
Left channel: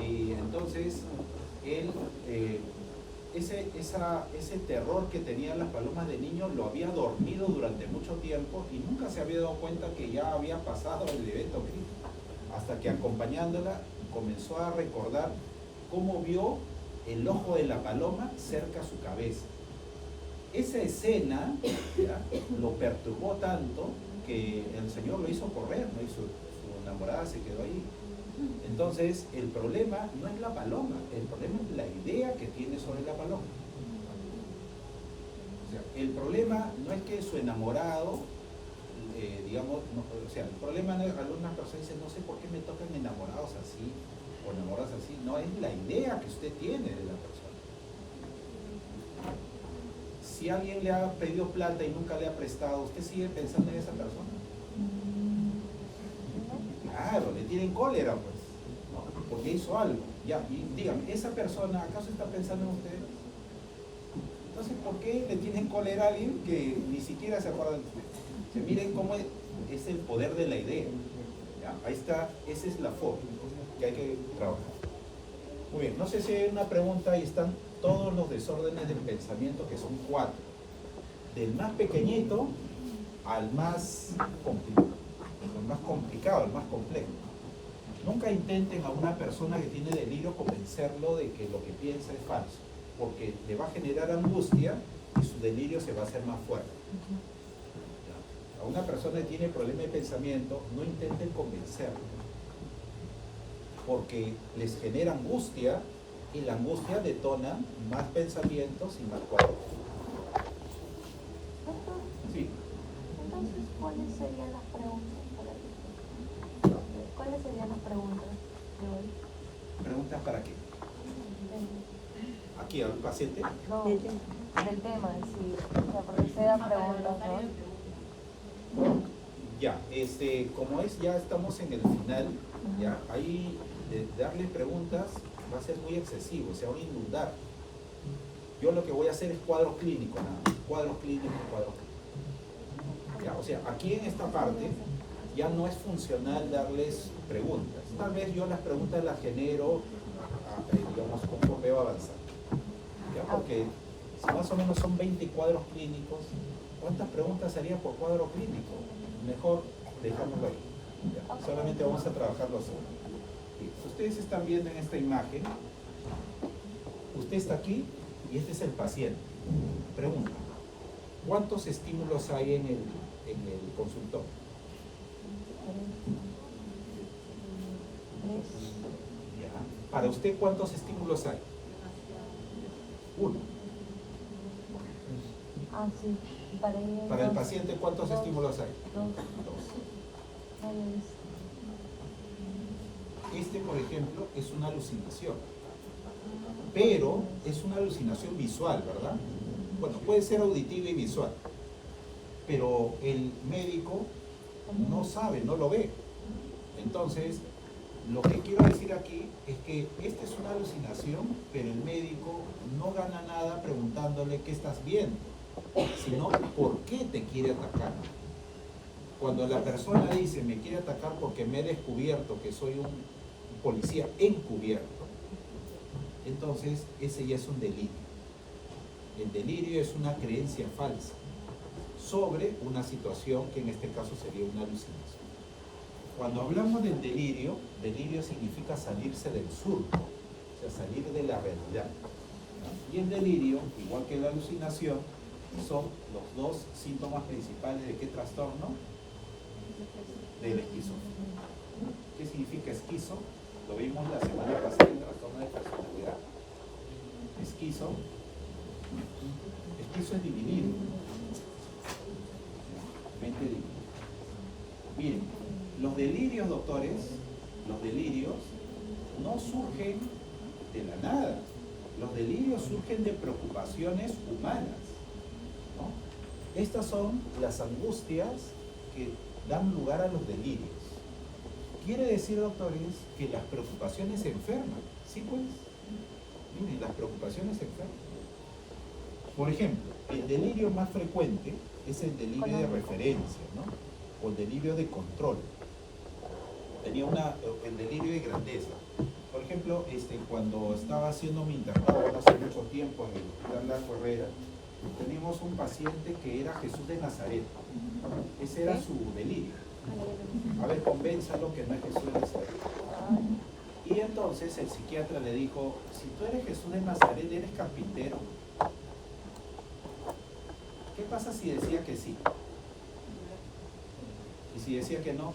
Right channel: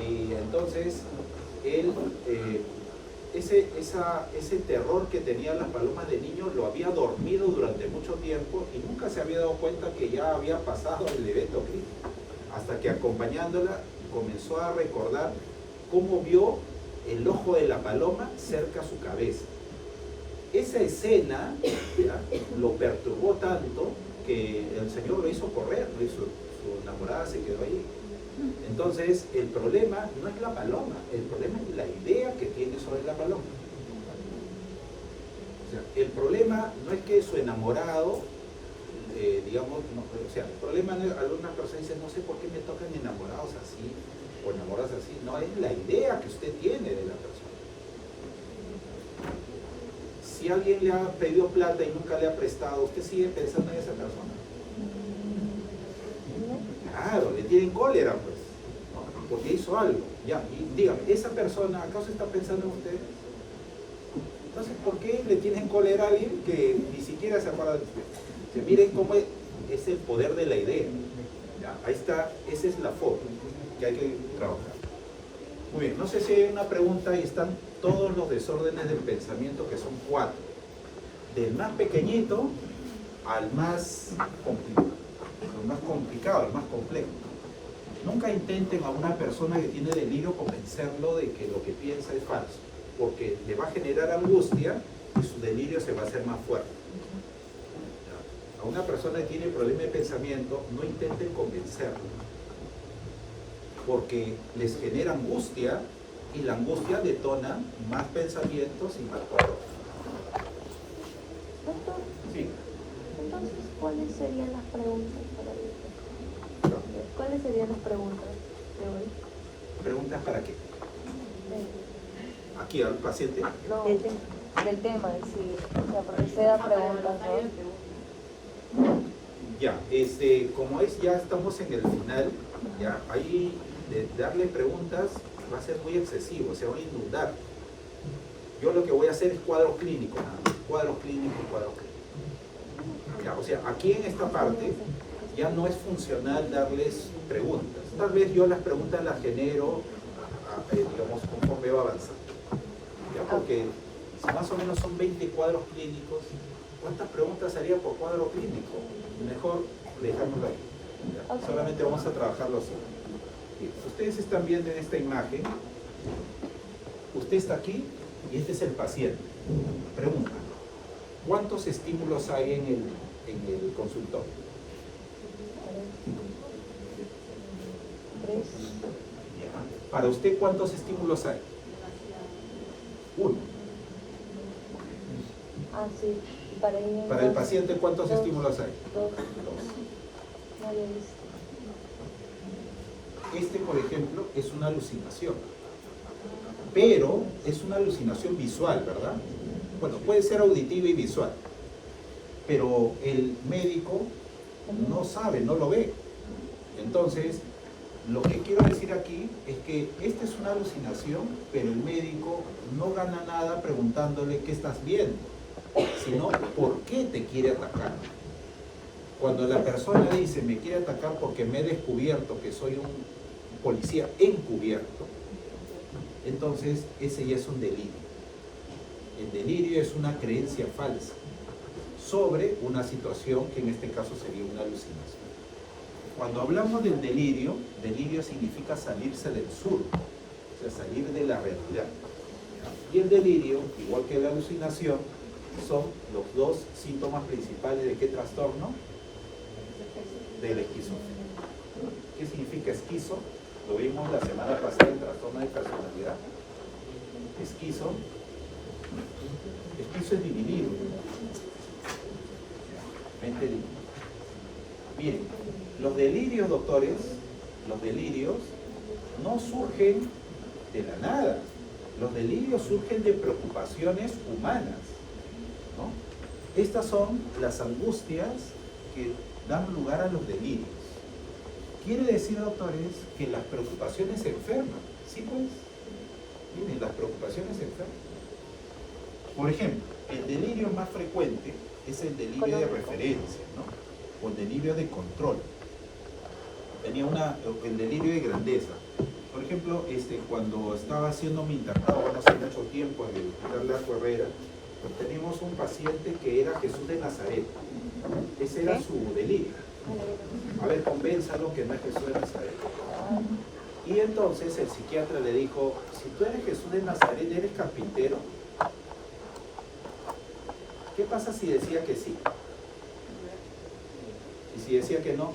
Y entonces, él, ese terror que tenían las palomas de niño lo había dormido durante mucho tiempo y nunca se había dado cuenta que ya había pasado el evento crítico. Hasta que acompañándola comenzó a recordar cómo vio el ojo de la paloma cerca a su cabeza. Esa escena, ¿ya?, lo perturbó tanto que el señor lo hizo correr, ¿no? Y su enamorada se quedó ahí. Entonces, el problema no es la paloma, el problema es la idea que tiene sobre la paloma. O sea, el problema no es que su enamorado, digamos, no, o sea, el problema no es, algunas personas dicen, no sé por qué me tocan enamorados así, o enamoradas así. No, es la idea que usted tiene de la persona. Si alguien le ha pedido plata y nunca le ha prestado, ¿usted sigue pensando en esa persona? Claro, le tienen cólera, pues, ¿no? Porque hizo algo. Ya, y dígame, ¿esa persona acaso está pensando en usted? Entonces, ¿por qué le tienen cólera a alguien que ni siquiera se acuerda de usted? O sea, miren cómo es el poder de la idea. ¿Ya? Ahí está, esa es la forma que hay que trabajar. Muy bien, no sé si hay una pregunta. Ahí están todos los desórdenes del pensamiento, que son 4. Del más pequeñito al más complicado. El más complicado, el más complejo. Nunca intenten a una persona que tiene delirio convencerlo de que lo que piensa es falso, porque le va a generar angustia y su delirio se va a hacer más fuerte. ¿Ya? A una persona que tiene problema de pensamiento, no intenten convencerlo, porque les genera angustia y la angustia detona más pensamientos y más cuadros. Doctor, Sí. entonces, ¿cuáles serían las preguntas para hoy? ¿Cuáles serían las preguntas de hoy? ¿Preguntas para qué? ¿Aquí al paciente? No, del tema en sí. O sea, porque se da preguntas. Ya, como es, ya estamos en el final, ya, ahí darle preguntas va a ser muy excesivo, se va a inundar. Yo lo que voy a hacer es cuadro clínico, nada más. Cuadro clínico. Ya, o sea, aquí en esta parte ya no es funcional darles preguntas. Tal vez yo las preguntas las genero, digamos, conforme va avanzando. Ya, porque si más o menos son 20 cuadros clínicos, ¿cuántas preguntas haría por cuadro clínico? Mejor dejémoslo ahí. ¿Ya? Okay. Solamente vamos a trabajarlo así. Ustedes están viendo en esta imagen, usted está aquí y este es el paciente. Pregunta, ¿cuántos estímulos hay en el consultorio? 3. Ya. Para usted, ¿cuántos estímulos hay? 1. Ah, sí. Para el paciente, ¿cuántos estímulos hay? 2. Este, por ejemplo, es una alucinación, pero es una alucinación visual, ¿verdad? Bueno, puede ser auditiva y visual, pero el médico no sabe, no lo ve. Entonces, lo que quiero decir aquí es que esta es una alucinación, pero el médico no gana nada preguntándole qué estás viendo, sino por qué te quiere atacar. Cuando la persona dice me quiere atacar porque me he descubierto que soy un policía encubierto, entonces ese ya es un delirio. El delirio es una creencia falsa sobre una situación que en este caso sería una alucinación. Cuando hablamos del delirio, delirio significa salirse del surco, o sea, salir de la realidad. Y el delirio, igual que la alucinación, son los dos síntomas principales de qué trastorno? Del esquizofrenia. ¿Qué significa esquizo? Lo vimos la semana pasada en trastorno de personalidad. Esquizo es dividido. Mente dividida. Miren, los delirios, doctores, los delirios no surgen de la nada. Los delirios surgen de preocupaciones humanas, ¿no? Estas son las angustias que dan lugar a los delirios. Quiere decir, doctores, que las preocupaciones enferman. Sí, pues. Miren, las preocupaciones enferman. Por ejemplo, el delirio más frecuente es el delirio de referencia, ¿no? O el delirio de control. Tenía el delirio de grandeza. Por ejemplo, cuando estaba haciendo mi internado, hace mucho tiempo, en el Hospital Largo Herrera, pues teníamos un paciente que era Jesús de Nazaret. Ese era su delirio. A ver, convénzalo que no es Jesús de Nazaret. Y entonces el psiquiatra le dijo, si tú eres Jesús de Nazaret, ¿eres carpintero? ¿Qué pasa si decía que sí? ¿Y si decía que no?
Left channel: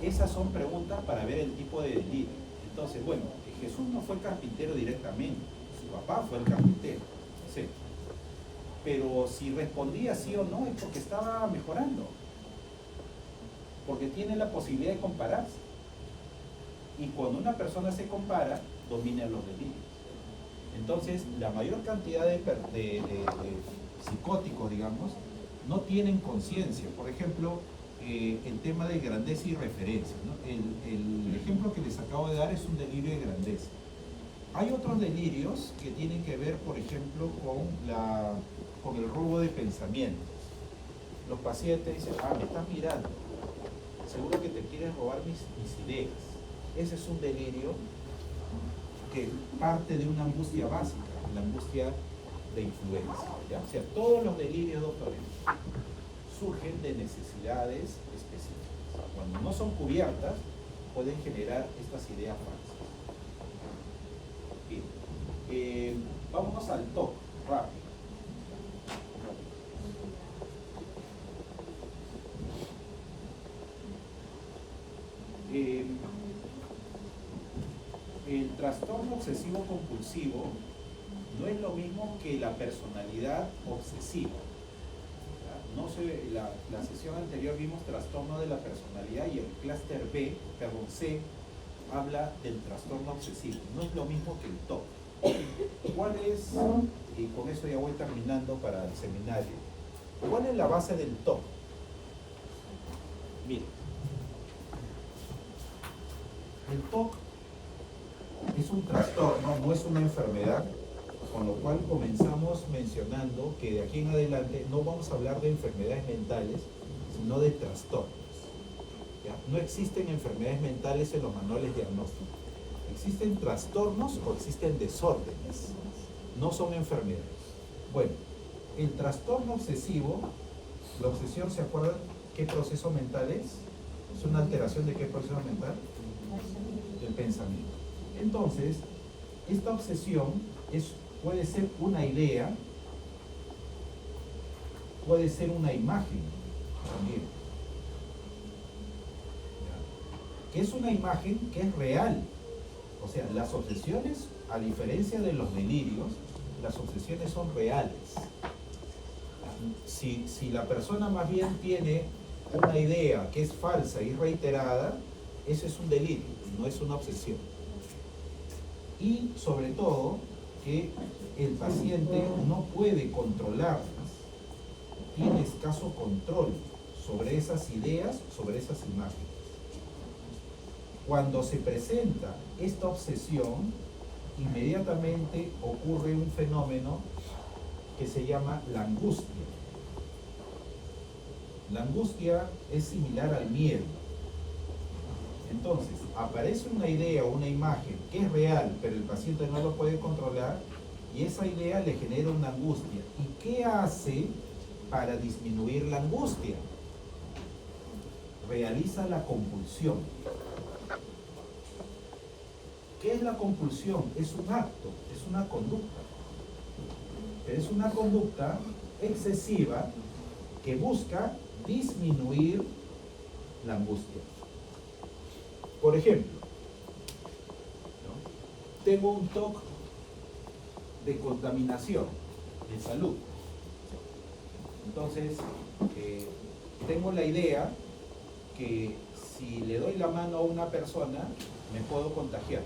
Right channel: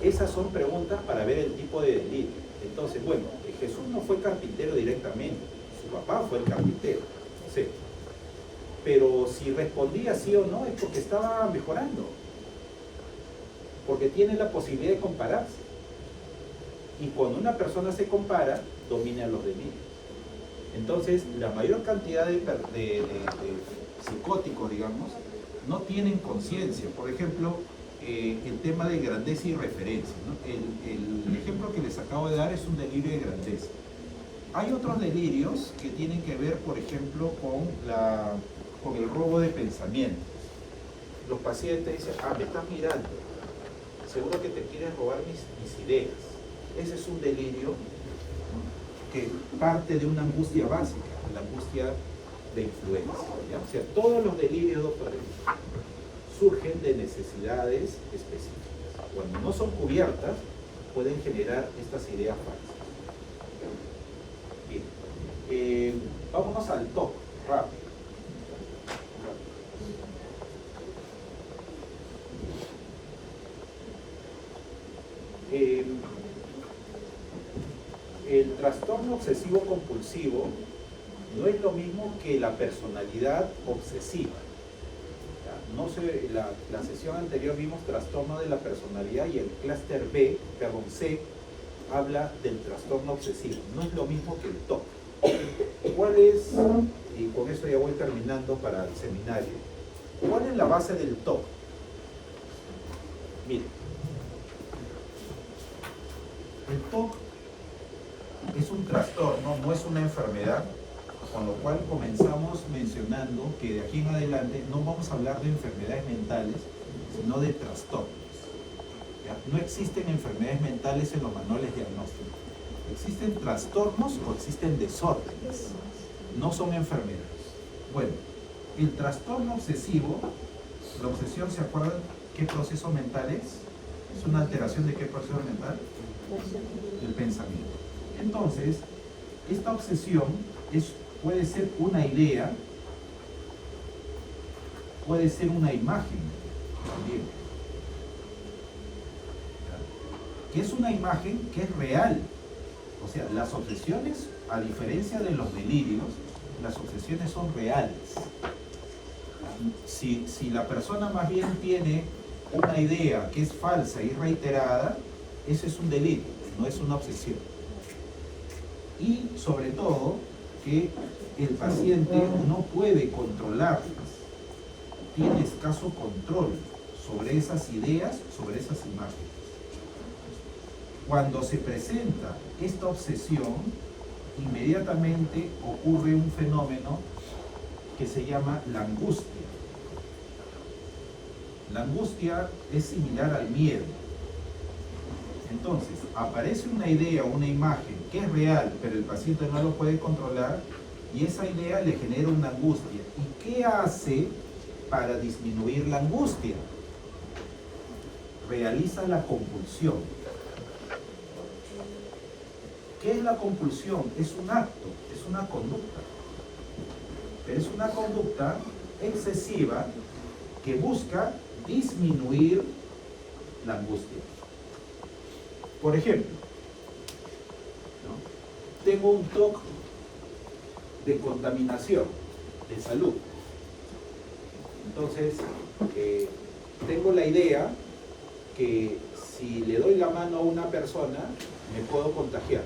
Esas son preguntas para ver el tipo de delirio. Entonces, bueno, Jesús no fue carpintero directamente, su papá fue el carpintero, no sé. Pero si respondía sí o no es porque estaba mejorando, porque tiene la posibilidad de compararse. Y cuando una persona se compara, dominan los delirios. Entonces, la mayor cantidad de psicóticos, digamos, no tienen conciencia. Por ejemplo, el tema de grandeza y referencia, ¿no? El ejemplo que les acabo de dar es un delirio de grandeza. Hay otros delirios que tienen que ver, por ejemplo, con el robo de pensamientos. Los pacientes dicen, me estás mirando, seguro que te quieres robar mis ideas. Ese es un delirio que parte de una angustia básica, la angustia de influencia, ¿ya? O sea, todos los delirios, doctores, surgen de necesidades específicas. Cuando no son cubiertas, pueden generar estas ideas falsas. Bien, vámonos al TOC, rápido. El trastorno obsesivo compulsivo no es lo mismo que la personalidad obsesiva. No sé, la sesión anterior vimos trastorno de la personalidad y el clúster C habla del trastorno obsesivo. No es lo mismo que el TOC. ¿Cuál es, y con eso ya voy terminando para el seminario, cuál es la base del TOC? Miren, el TOC es un trastorno, no es una enfermedad, con lo cual comenzamos mencionando que de aquí en adelante no vamos a hablar de enfermedades mentales, sino de trastornos. ¿Ya? No existen enfermedades mentales en los manuales diagnósticos. Existen trastornos o existen desórdenes. No son enfermedades. Bueno, el trastorno obsesivo, la obsesión, ¿se acuerdan qué proceso mental es? ¿Es una alteración de qué proceso mental? Del pensamiento. Entonces, esta obsesión puede ser una idea, puede ser una imagen también. ¿Qué es una imagen? Que es real. O sea, las obsesiones, a diferencia de los delirios, las obsesiones son reales. Si la persona más bien tiene una idea que es falsa y reiterada, ese es un delirio, no es una obsesión. Y sobre todo, que el paciente no puede controlarlas, tiene escaso control sobre esas ideas, sobre esas imágenes. Cuando se presenta esta obsesión, inmediatamente ocurre un fenómeno que se llama la angustia. La angustia es similar al miedo. Entonces, aparece una idea, una imagen que es real, pero el paciente no lo puede controlar y esa idea le genera una angustia. ¿Y qué hace para disminuir la angustia? Realiza la compulsión. ¿Qué es la compulsión? Es un acto, es una conducta. Pero es una conducta excesiva que busca disminuir la angustia. Por ejemplo, ¿no? Tengo un TOC de contaminación, de salud. Entonces, tengo la idea que si le doy la mano a una persona, me puedo contagiar.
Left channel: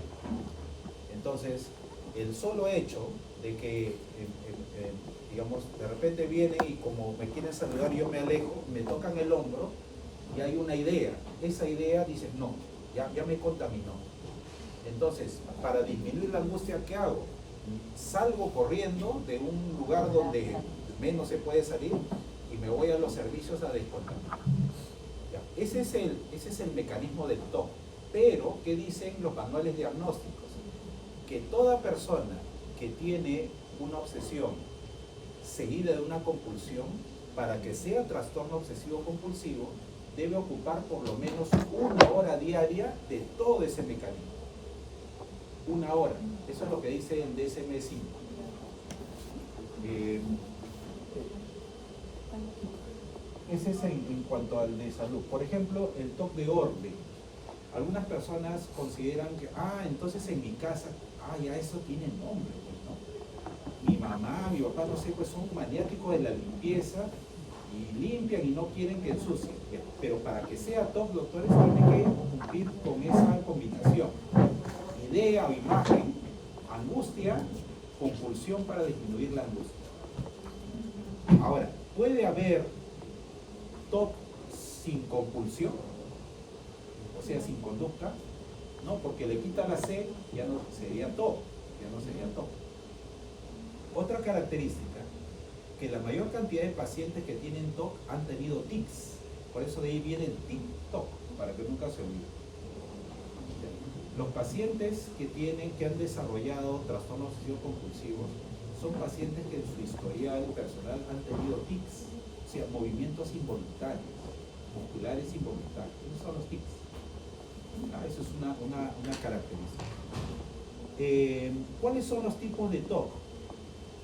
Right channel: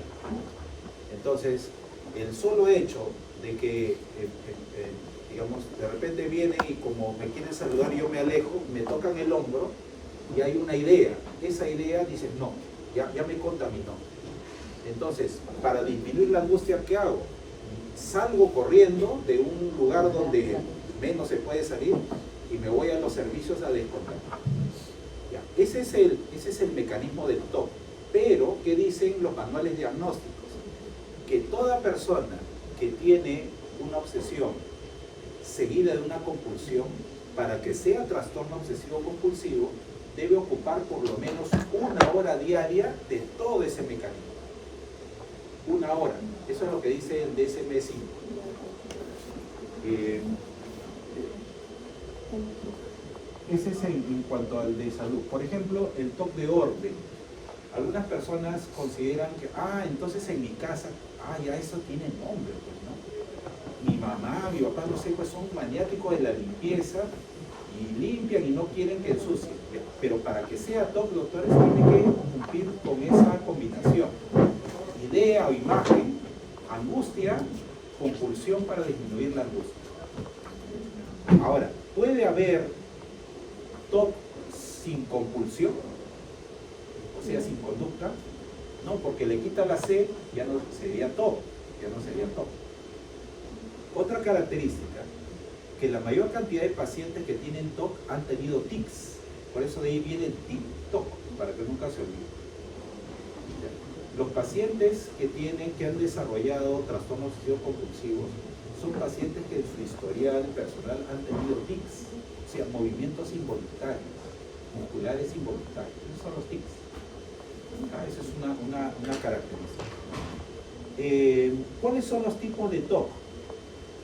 Entonces, el solo hecho de que, digamos, de repente viene y como me quieren saludar, yo me alejo, me tocan el hombro y hay una idea. Esa idea dice, no, ya me contaminó. Entonces, para disminuir la angustia, ¿qué hago? Salgo corriendo de un lugar donde menos se puede salir y me voy a los servicios a descontaminar. Ese es el mecanismo del TOC. Pero, ¿qué dicen los manuales diagnósticos? Que toda persona que tiene una obsesión seguida de una compulsión, para que sea trastorno obsesivo compulsivo, debe ocupar por lo menos 1 hora diaria de todo ese mecanismo. 1 hora. Eso es lo que dice el DSM-5. Ese es en cuanto al de salud. Por ejemplo, el TOC de orden. Algunas personas consideran que, entonces en mi casa, ya eso tiene nombre, pues, ¿no? Mi mamá, mi papá, no sé, pues son maniáticos de la limpieza y limpian y no quieren que ensucien. Pero para que sea TOC, doctores, tiene que cumplir con esa combinación. Idea o imagen, angustia, compulsión para disminuir la angustia. Ahora, ¿puede haber TOC sin compulsión? O sea, sin conducta. No, porque le quita la C, ya no sería TOC. Otra característica, que la mayor cantidad de pacientes que tienen TOC han tenido tics. Por eso de ahí viene el TIC-TOC, para que nunca se olvide. Los pacientes que han desarrollado trastornos obsesivos compulsivos son pacientes que en su historial personal han tenido tics, o sea, movimientos involuntarios, musculares involuntarios. Esos son los tics. Esa es una característica. ¿Cuáles son los tipos de TOC?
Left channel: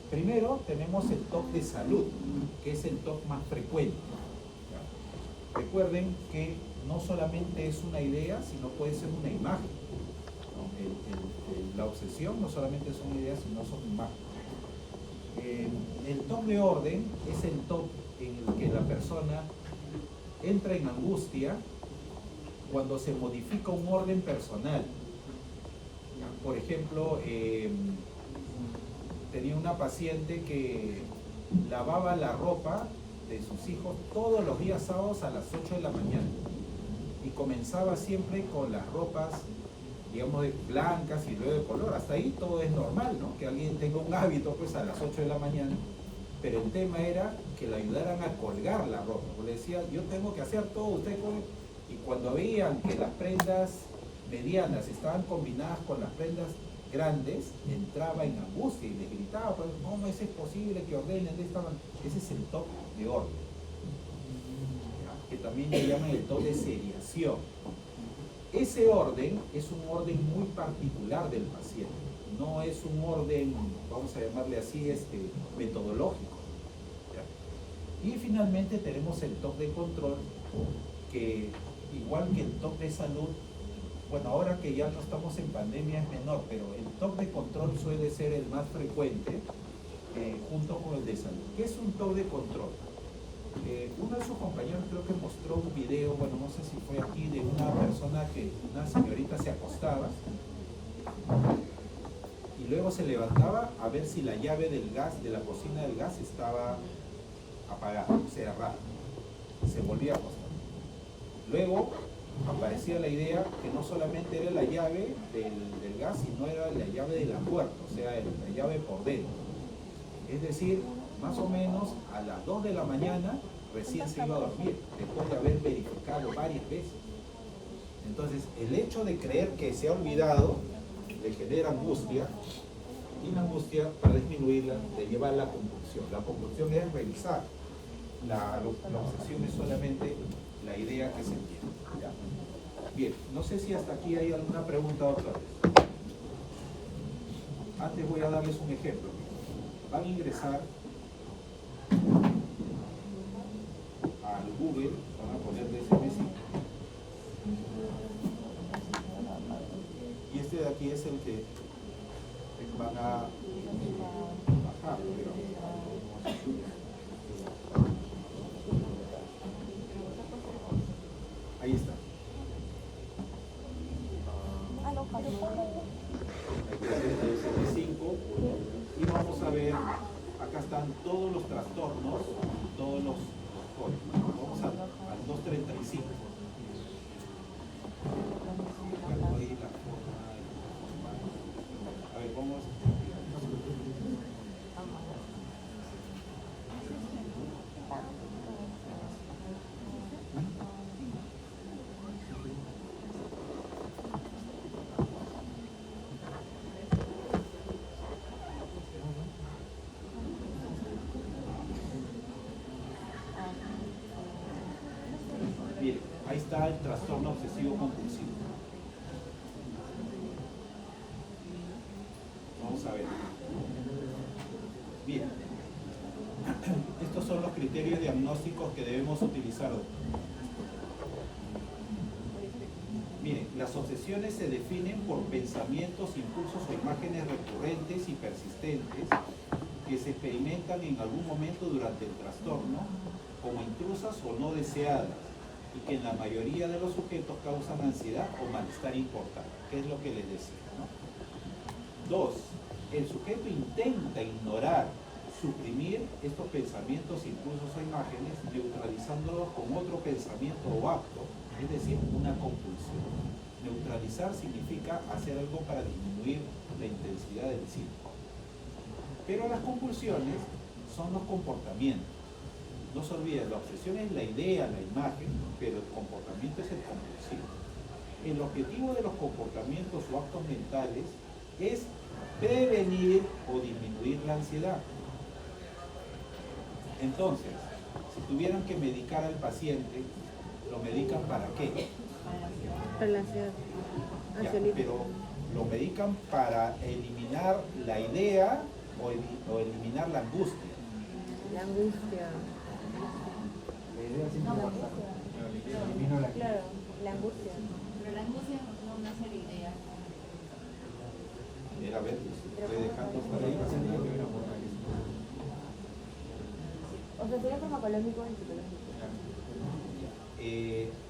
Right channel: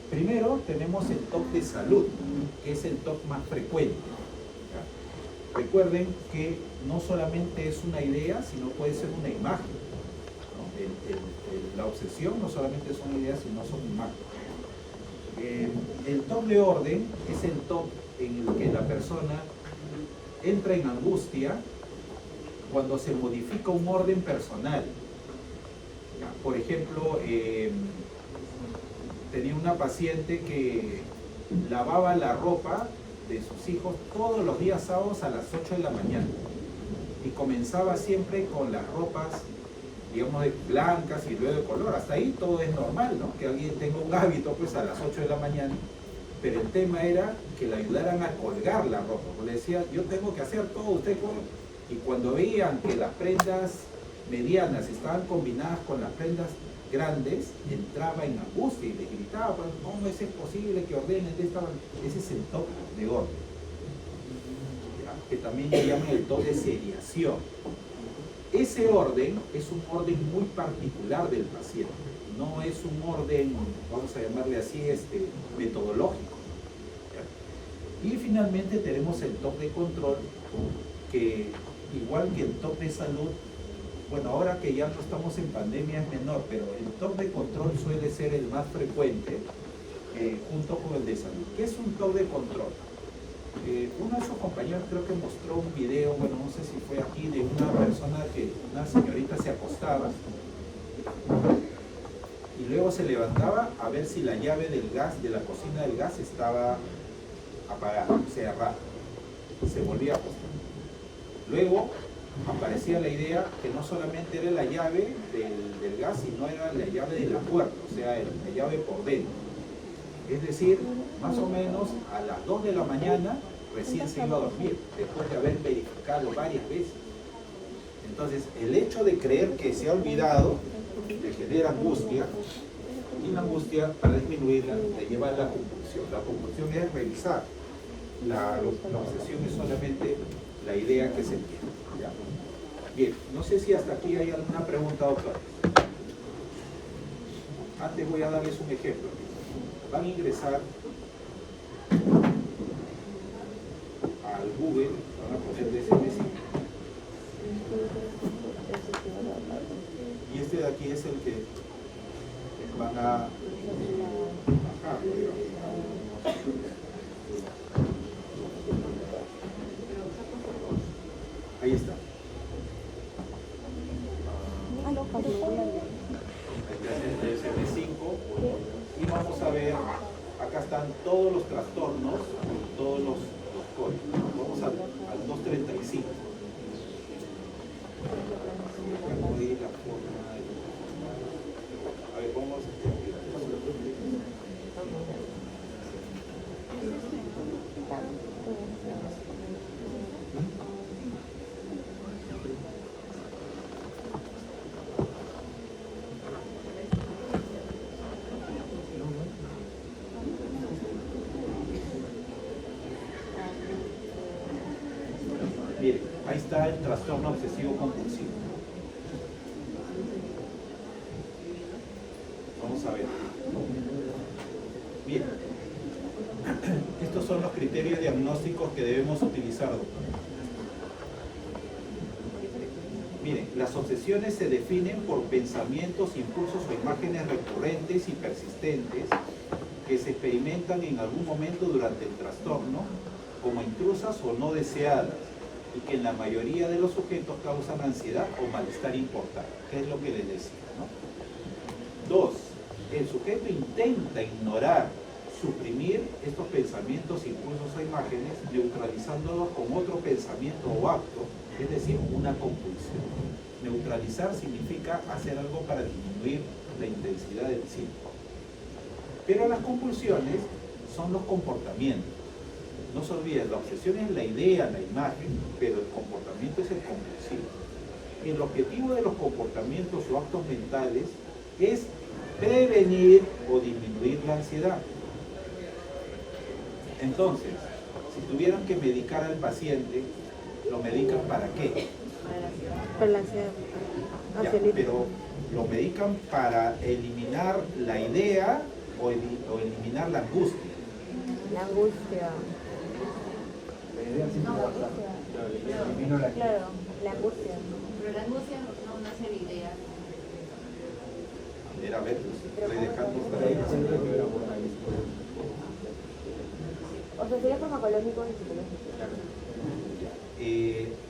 Primero tenemos el TOC de salud, que es el TOC más frecuente. ¿Ya? Recuerden que no solamente es una idea, sino puede ser una imagen. La obsesión no solamente son ideas, sino son imágenes. El TOC de orden es el TOC en el que la persona entra en angustia cuando se modifica un orden personal. Por ejemplo, tenía una paciente que lavaba la ropa de sus hijos todos los días sábados a las 8 de la mañana y comenzaba siempre con las ropas, digamos, blancas y luego de color. Hasta ahí todo es normal, ¿no? Que alguien tenga un hábito pues a las 8 de la mañana, pero el tema era que le ayudaran a colgar la ropa. Porque le decía, yo tengo que hacer todo, usted puede. Y cuando veían que las prendas medianas estaban combinadas con las prendas grandes, entraba en angustia y le gritaba, ¿cómo es posible que ordenen de esta manera? Ese es el TOC de orden, ¿ya? Que también le llaman el TOC de seriación. Ese orden es un orden muy particular del paciente, no es un orden, vamos a llamarle así, metodológico, ¿ya? Y finalmente tenemos el TOC de control, que igual que el TOC de salud, bueno, ahora que ya no estamos en pandemia es menor, pero el TOC de control suele ser el más frecuente, junto con el de salud. ¿Qué es un TOC de control? Uno de sus compañeros creo que mostró un video, bueno, no sé si fue aquí, de una persona una señorita se acostaba y luego se levantaba a ver si la llave del gas, de la cocina del gas, estaba apagada, cerrada. Se volvía a acostar. Luego aparecía la idea que no solamente era la llave del gas, sino era la llave de la puerta, o sea, la llave por dentro. Es decir, más o menos a las 2 de la mañana recién se iba a dormir, después de haber verificado varias veces. Entonces, el hecho de creer que se ha olvidado le genera angustia, y la angustia, para disminuirla, le lleva a la compulsión. La compulsión es revisar. La obsesión es solamente la idea que se tiene. ¿Ya? Bien, no sé si hasta aquí hay alguna pregunta, doctor. Antes voy a darles un ejemplo. Van a ingresar al Google, van a poner DSM-5. Y este de aquí es el que van a bajar. Ahí está. DSM-5. Y vamos a ver, acá están todos los trastornos, todos los códigos. Vamos al 235. A ver, vamos. Bien, ahí está el trastorno obsesivo compulsivo. Vamos a ver. Bien. Estos son los criterios diagnósticos que debemos utilizar, doctor. Miren, las obsesiones se definen por pensamientos, impulsos o imágenes recurrentes y persistentes que se experimentan en algún momento durante el trastorno como intrusas o no deseadas, y que en la mayoría de los sujetos causan ansiedad o malestar importante, que es lo que les decía, ¿no? 2. El sujeto intenta ignorar, suprimir estos pensamientos, impulsos o imágenes, neutralizándolos con otro pensamiento o acto, es decir, una compulsión. Neutralizar significa hacer algo para disminuir la intensidad del síntoma. Pero las compulsiones son los comportamientos. No se olviden, la obsesión es la idea, la imagen, pero el comportamiento es el compulsivo. El objetivo de los comportamientos o actos mentales es prevenir o disminuir la ansiedad. Entonces, si tuvieran que medicar al paciente, ¿lo medican para qué? Para la ansiedad. Ya, pero ¿lo medican para eliminar la idea o eliminar la angustia? La angustia. Claro, la angustia. Pero la angustia no nace de idea. Mira, a ver, estoy dejando por ahí. O sea, sería farmacológico y psicológico.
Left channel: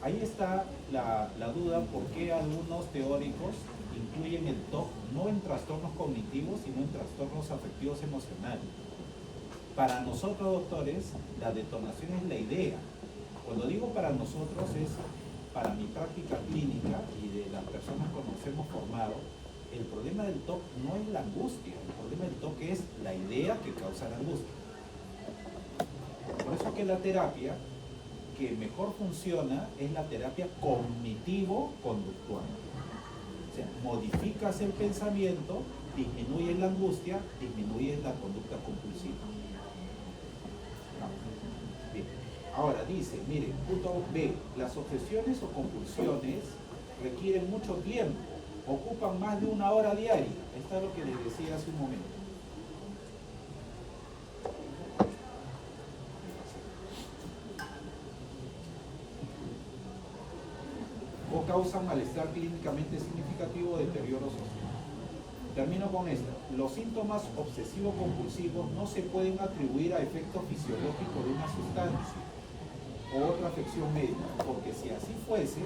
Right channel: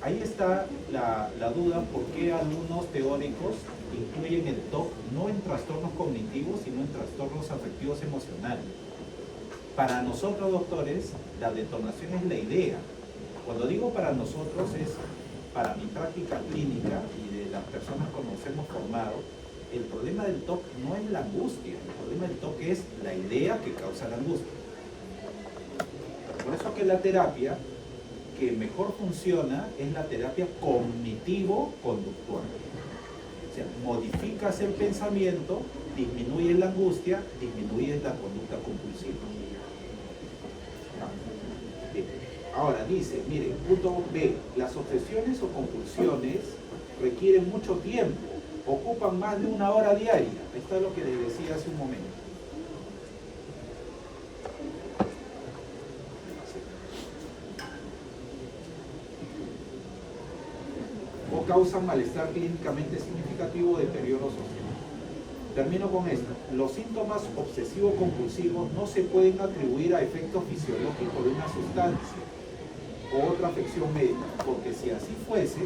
Ahí está la duda por qué algunos teóricos incluyen el TOC no en trastornos cognitivos, sino en trastornos afectivos emocionales. Para nosotros, doctores, la detonación es la idea. Cuando digo para nosotros es para mi práctica clínica y de las personas con las que hemos formado. El problema del TOC no es la angustia, el problema del TOC es la idea que causa la angustia. Por eso que la terapia que mejor funciona es la terapia cognitivo-conductual. O sea, modificas el pensamiento, disminuyes la angustia, disminuyes la conducta compulsiva. Bien. Ahora dice, miren, punto B, las obsesiones o compulsiones requieren mucho tiempo, ocupan más de 1 hora diaria. Esto es lo que les decía hace un momento. O causan malestar clínicamente significativo o deterioro social. Termino con esto. Los síntomas obsesivo-compulsivos no se pueden atribuir a efectos fisiológicos de una sustancia o otra afección médica, porque si así fuese,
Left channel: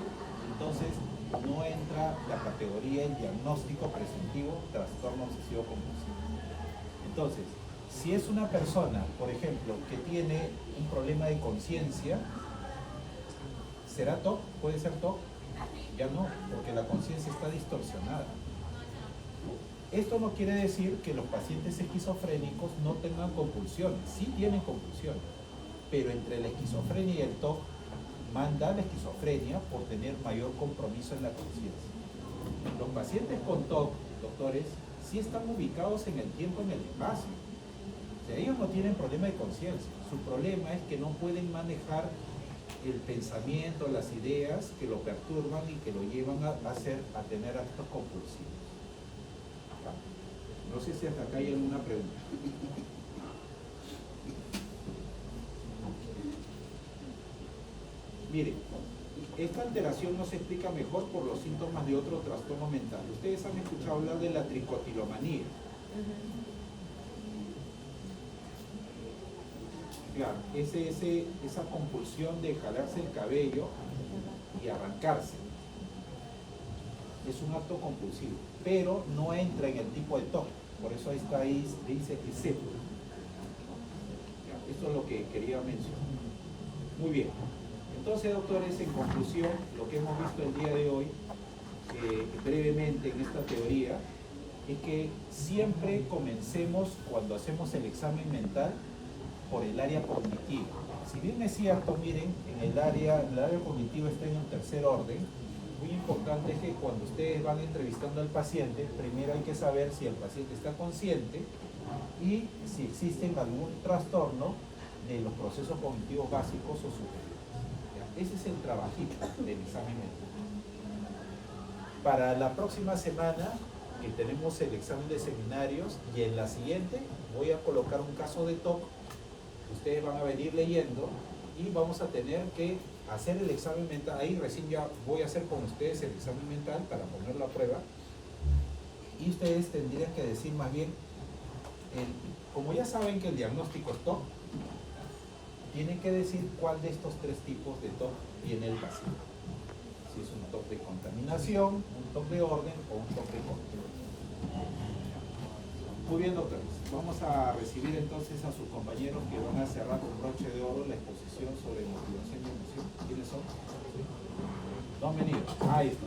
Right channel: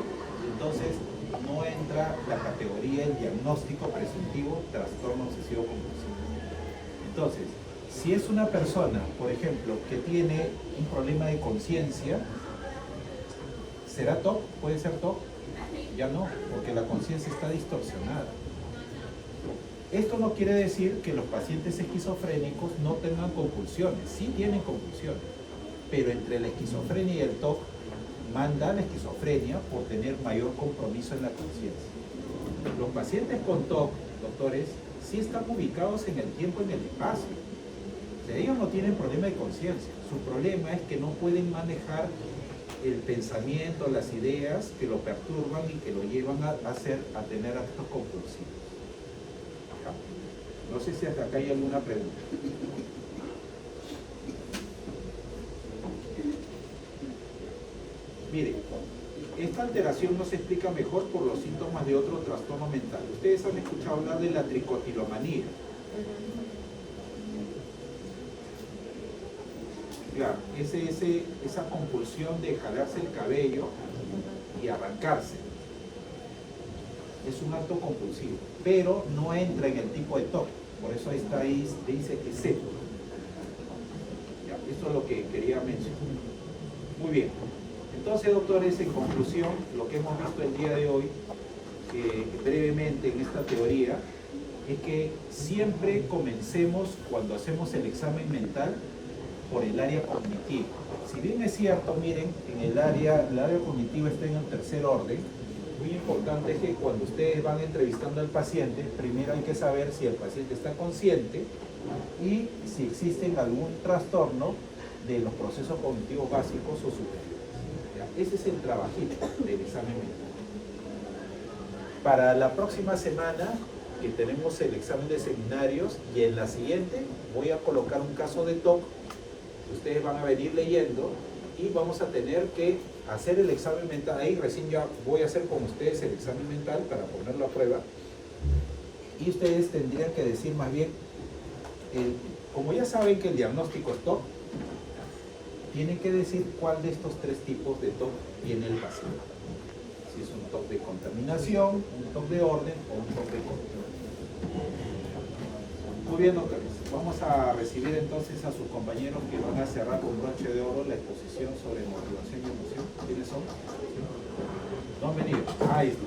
entonces no entra la categoría el diagnóstico presuntivo trastorno obsesivo-compulsivo. Entonces, si es una persona, por ejemplo, que tiene un problema de conciencia, ¿será TOC? ¿Puede ser TOC? Ya no, porque la conciencia está distorsionada. Esto no quiere decir que los pacientes esquizofrénicos no tengan compulsiones, sí tienen compulsiones, pero entre la esquizofrenia y el TOC manda la esquizofrenia por tener mayor compromiso en la conciencia. Los pacientes con TOC, doctores, sí están ubicados en el tiempo y en el espacio. O sea, ellos no tienen problema de conciencia, su problema es que no pueden manejar el pensamiento, las ideas que lo perturban y que lo llevan a tener actos compulsivos. No sé si hasta acá hay alguna pregunta. Mire, esta alteración no se explica mejor por los síntomas de otro trastorno mental. Ustedes han escuchado hablar de la tricotilomanía. Claro, esa compulsión de jalarse el cabello y arrancarse. Es un acto compulsivo, pero no entra en el tipo de TOC. Por eso está ahí, dice que sí. Esto es lo que quería mencionar. Muy bien. Entonces, doctores, en conclusión, lo que hemos visto el día de hoy, brevemente en esta teoría, es que siempre comencemos cuando hacemos el examen mental por el área cognitiva. Si bien es cierto, miren, el área cognitiva está en el tercer orden, muy importante es que cuando ustedes van entrevistando al paciente, primero hay que saber si el paciente está consciente y si existen algún trastorno de los procesos cognitivos básicos o superiores. ¿Ya? Ese es el trabajito del examen mental. Para la próxima semana, que tenemos el examen de seminarios, y en la siguiente voy a colocar un caso de TOC. Ustedes van a venir leyendo y vamos a tener que hacer el examen mental. Ahí recién ya voy a hacer con ustedes el examen mental para ponerlo a prueba. Y ustedes tendrían que decir más bien, como ya saben que el diagnóstico es TOC, tienen que decir cuál de estos tres tipos de TOC tiene el paciente. Si es un TOC de contaminación, un TOC de orden o un TOC de control. Muy bien, doctores. Vamos a recibir entonces a sus compañeros que van a cerrar con broche de oro la exposición sobre motivación y emoción. ¿Quiénes son? No han venido. Ahí está.